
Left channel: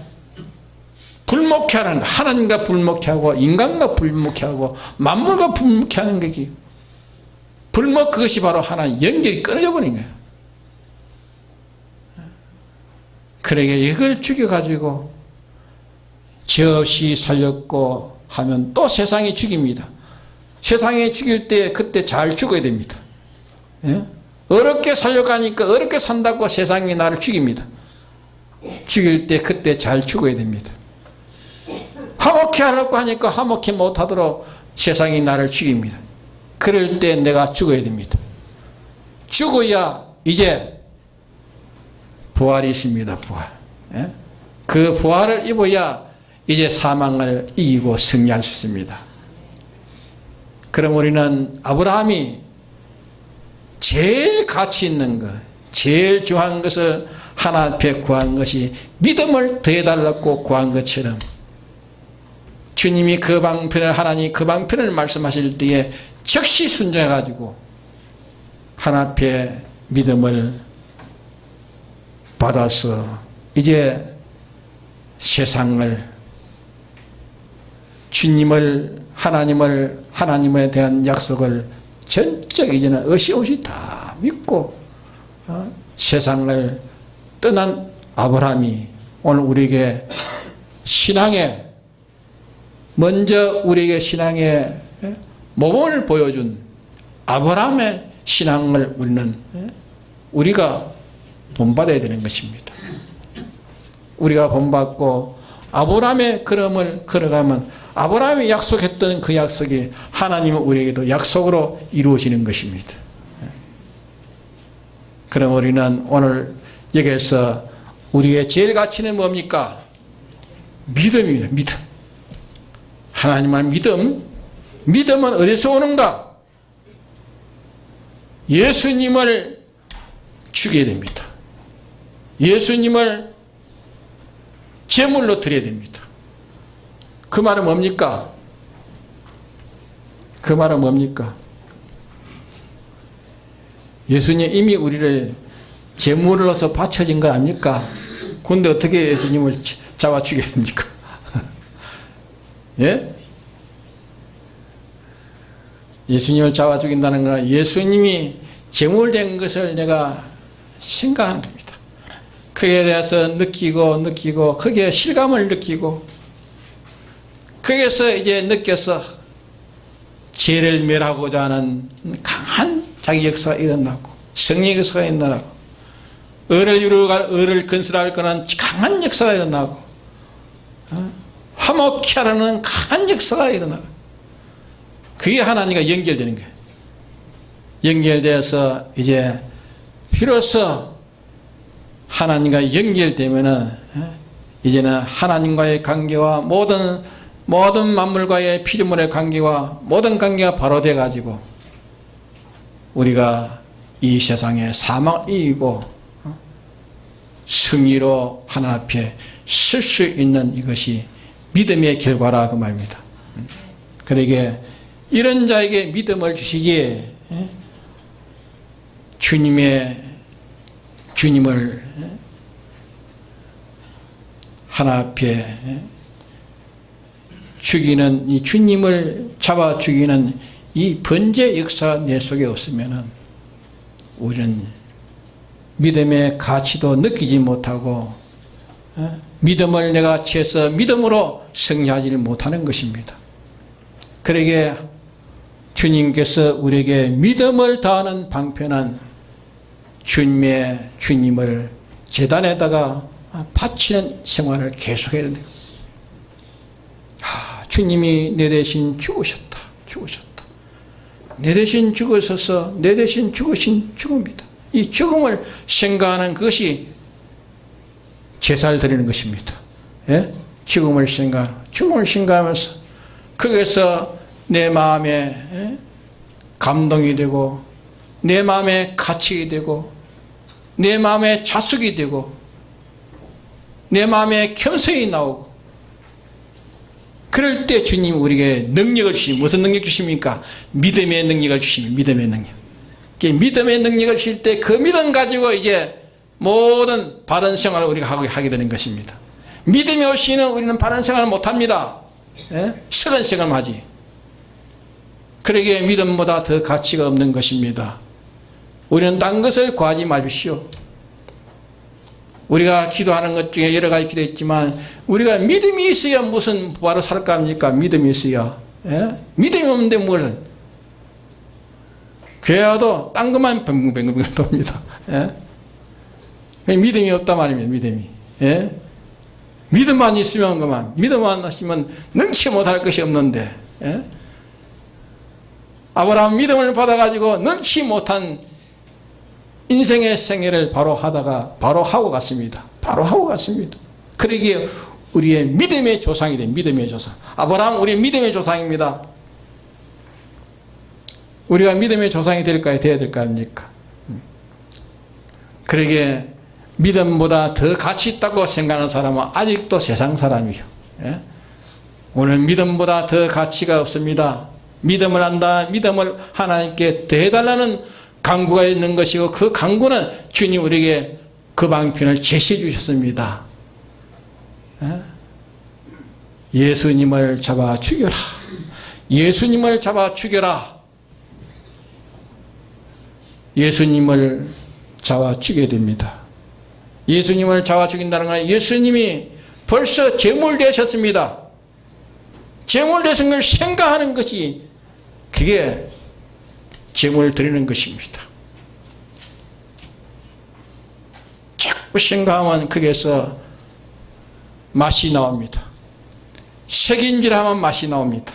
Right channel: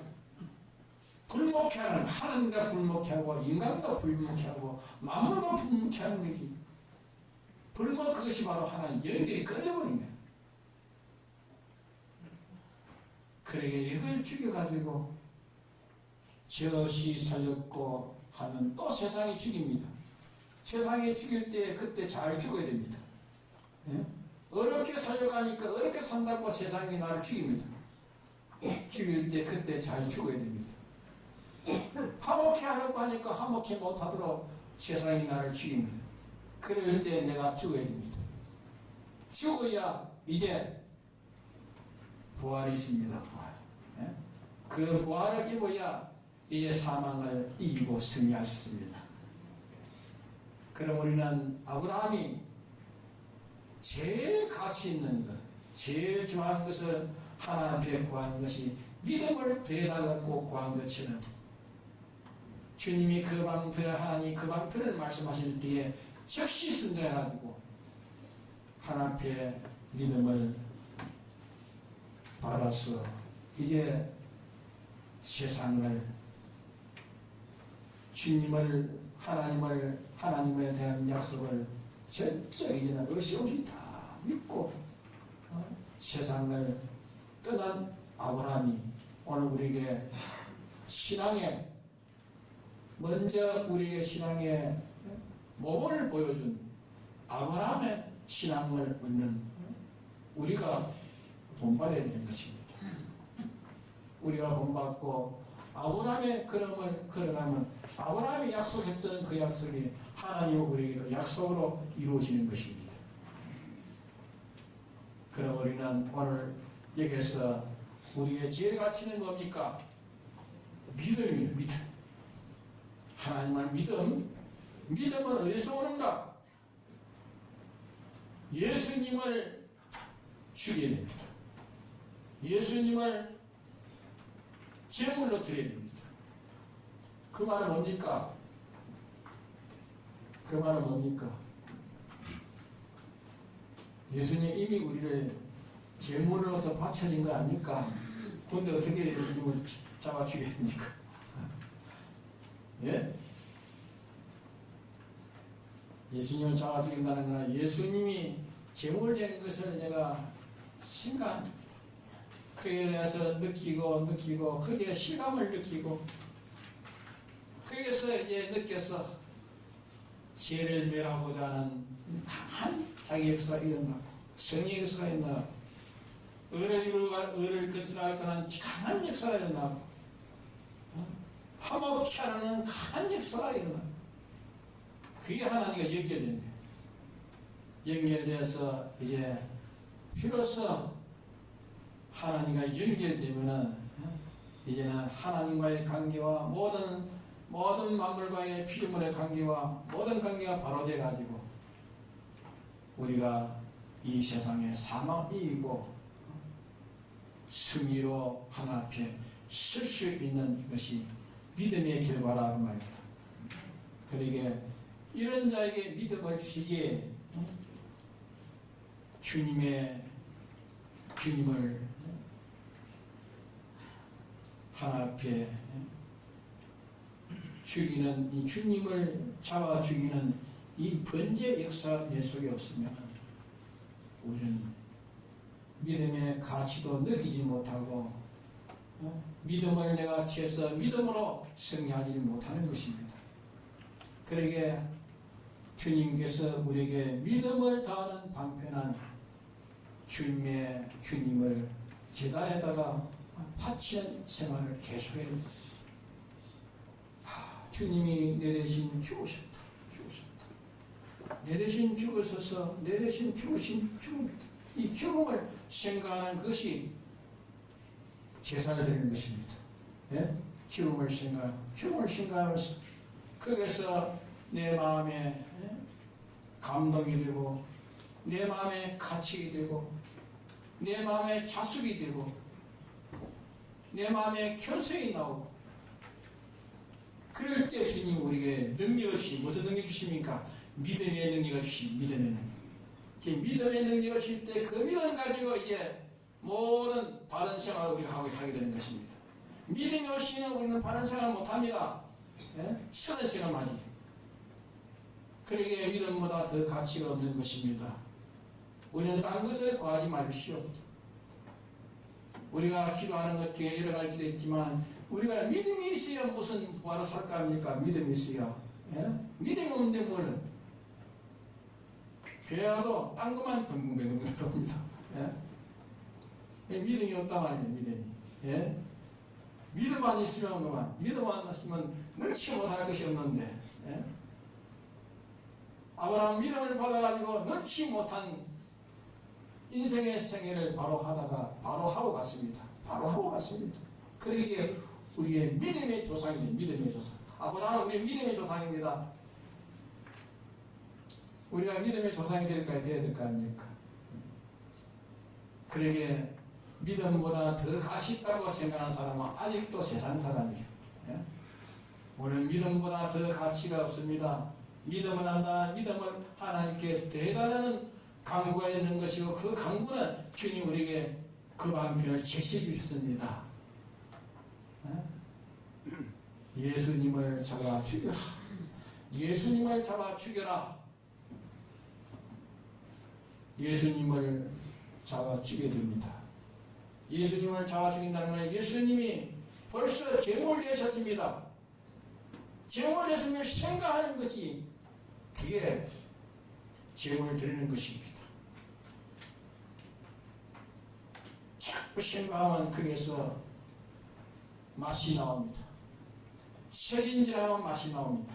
불목케 하는 거, 하나님과 불목케 하고 인간과 불목케 하고 만물과 불목케 하는 거지. 불목, 그것이 바로 하나님 연결이 끊어져 버린 거예요. 그러게 이걸 죽여가지고 죄 없이 살렸고 하면 또 세상이 죽입니다. 세상이 죽일 때 그때 잘 죽어야 됩니다. 예? 어렵게 살려가니까 어렵게 산다고 세상이 나를 죽입니다. 죽일 때 그때 잘 죽어야 됩니다. 화목케 하려고 하니까 화목케 못하도록 세상이 나를 죽입니다. 그럴 때 내가 죽어야 됩니다. 죽어야 이제 부활이 있습니다. 부활. 예? 그 부활을 입어야 이제 사망을 이기고 승리할 수 있습니다. 그럼 우리는 아브라함이 제일 가치 있는 것, 제일 중요한 것을 하나 앞에 구한 것이 믿음을 더해달라고 구한 것처럼 주님이 그 방편을, 하나님 그 방편을 말씀하실 때에 즉시 순종해가지고 하나 앞에 믿음을 받아서 이제 세상을, 주님을, 하나님에 대한 약속을 전적 이제는 어시없이 다 믿고 세상을 떠난 아브라함이 오늘 우리에게 신앙에, 먼저 우리에게 신앙의 모범을 보여준 아브라함의 신앙을 우리가 본받아야 되는 것입니다. 우리가 본받고 아브라함의 걸음을 걸어가면 아브라함이 약속했던 그 약속이 하나님은 우리에게도 약속으로 이루어지는 것입니다. 그럼 우리는 오늘 여기에서 우리의 제일 가치는 뭡니까? 믿음입니다. 믿음. 하나님의 믿음. 믿음은 어디서 오는가? 예수님을 죽여야 됩니다. 예수님을 제물로 드려야 됩니다. 그 말은 뭡니까? 그 말은 뭡니까? 예수님 이미 우리를 제물로서 바쳐진 거 아닙니까? 근데 어떻게 예수님을 잡아 죽여야 됩니까? 예? 예수님을 잡아 죽인다는 건 예수님이 제물된 것을 내가 생각하는 겁니다. 그에 대해서 느끼고 거기에 실감을 느끼고 거기에서 이제 느껴서 죄를 멸하고자 하는 강한 자기 역사가 일어나고 성령 역사가 일어나고 의를 건설할 거는 강한 역사가 일어나고 화목케 하라는 강한 역사가 일어나고 그게 하나님과 연결되는 거예요. 연결되어서 이제 비로소 하나님과 연결되면은 이제는 하나님과의 관계와 모든 만물과의 피조물의 관계와 모든 관계가 바로 돼 가지고 우리가 이 세상에 사망을 이기고 승리로 하나 앞에 설 수 있는 이것이 믿음의 결과라 그 말입니다. 그러기에 이런 자에게 믿음을 주시기에 주님을 하나 앞에 죽이는 이 주님을 잡아 죽이는 이 번제 역사가 내 속에 없으면 우리는 믿음의 가치도 느끼지 못하고 믿음을 내가 취해서 믿음으로 승리하지 못하는 것입니다. 그러기에 주님께서 우리에게 믿음을 다하는 방편은 주님을 제단에다가 바치는 생활을 계속해야 됩니다. 주님이 내 대신 죽으셨다. 내 대신 죽으셔서 내 대신 죽으신 죽음이다. 이 죽음을 생각하는 것이 제사를 드리는 것입니다. 예? 죽음을 생각하면서 거기서 내 마음에 감동이 되고 내 마음에 가치가 되고 내 마음에 자숙이 되고 내 마음에 겸손이 나오고 그럴 때 주님 우리에게 능력을 주십니다. 무슨 능력 주십니까? 믿음의 능력을 주십니다. 믿음의 능력. 믿음의 능력을 주실 때 그 믿음 가지고 이제 모든 바른 생활을 우리가 하게 되는 것입니다. 믿음이 없이는 우리는 바른 생활을 못합니다. 썩은 생활만 하지. 그러기에 믿음보다 더 가치가 없는 것입니다. 우리는 딴 것을 구하지 마십시오. 우리가 기도하는 것 중에 여러 가지 기도했지만 우리가 믿음이 있어야 무슨 부활을 살까 합니까? 믿음이 있어야. 믿음이 없는데 뭘 교회 와도 딴 것만 뱅글뱅글 돕니다. 믿음이 없단 말입니다. 믿음이. 믿음만 있으면 그만. 믿음만 있으면 능치 못할 것이 없는데 아브라함 믿음을 받아가지고 능치 못한 인생의 생애를 바로 하다가 바로 하고 갔습니다. 바로 하고 갔습니다. 그러기에 우리의 믿음의 조상이 된 믿음의 조상. 아브라함 우리의 믿음의 조상입니다. 우리가 믿음의 조상이 될까요? 돼야 될까 합니까? 그러기에 믿음보다 더 가치 있다고 생각하는 사람은 아직도 세상 사람이요. 예? 오늘 믿음보다 더 가치가 없습니다. 믿음을 한다. 믿음을 하나님께 더해달라는 강구가 있는 것이고 그 강구는 주님 우리에게 그 방편을 제시해 주셨습니다. 예? 예수님을 잡아 죽여라. 예수님을 잡아 죽여라. 예수님을 잡아 죽여야 됩니다. 예수님을 잡아 죽인다는 건 예수님이 벌써 제물 되셨습니다. 제물 되신 걸 생각하는 것이 그게 제물 드리는 것입니다. 자꾸 생각하면 거기에서 맛이 나옵니다. 색인질하면 맛이 나옵니다.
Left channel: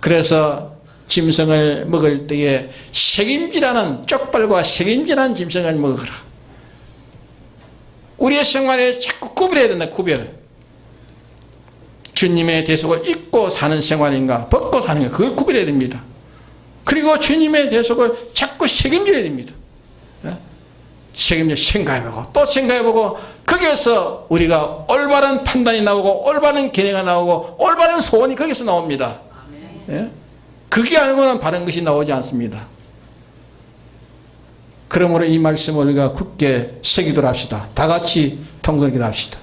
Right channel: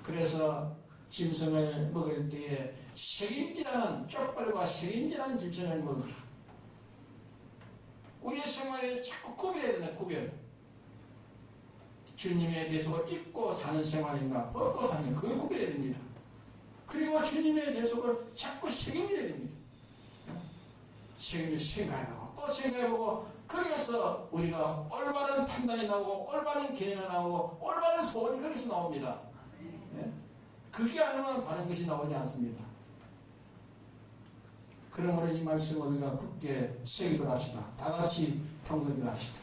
그래서 짐승을 먹을 때에 색임질하는 쪽발과 색임질하는 짐승을 먹어라. 우리의 생활에 자꾸 구별해야 된다. 구별. 주님의 대속을 입고 사는 생활인가 벗고 사는가 그걸 구별해야 됩니다. 그리고 주님의 대속을 자꾸 책임져야 됩니다. 책임져 생각해보고 또 생각해보고 거기에서 우리가 올바른 판단이 나오고 올바른 견해가 나오고 올바른 소원이 거기서 나옵니다. 예? 그게 알고는 바른 것이 나오지 않습니다. 그러므로 이 말씀을 우리가 굳게 새기도록 합시다. 다 같이 통성기도 합시다.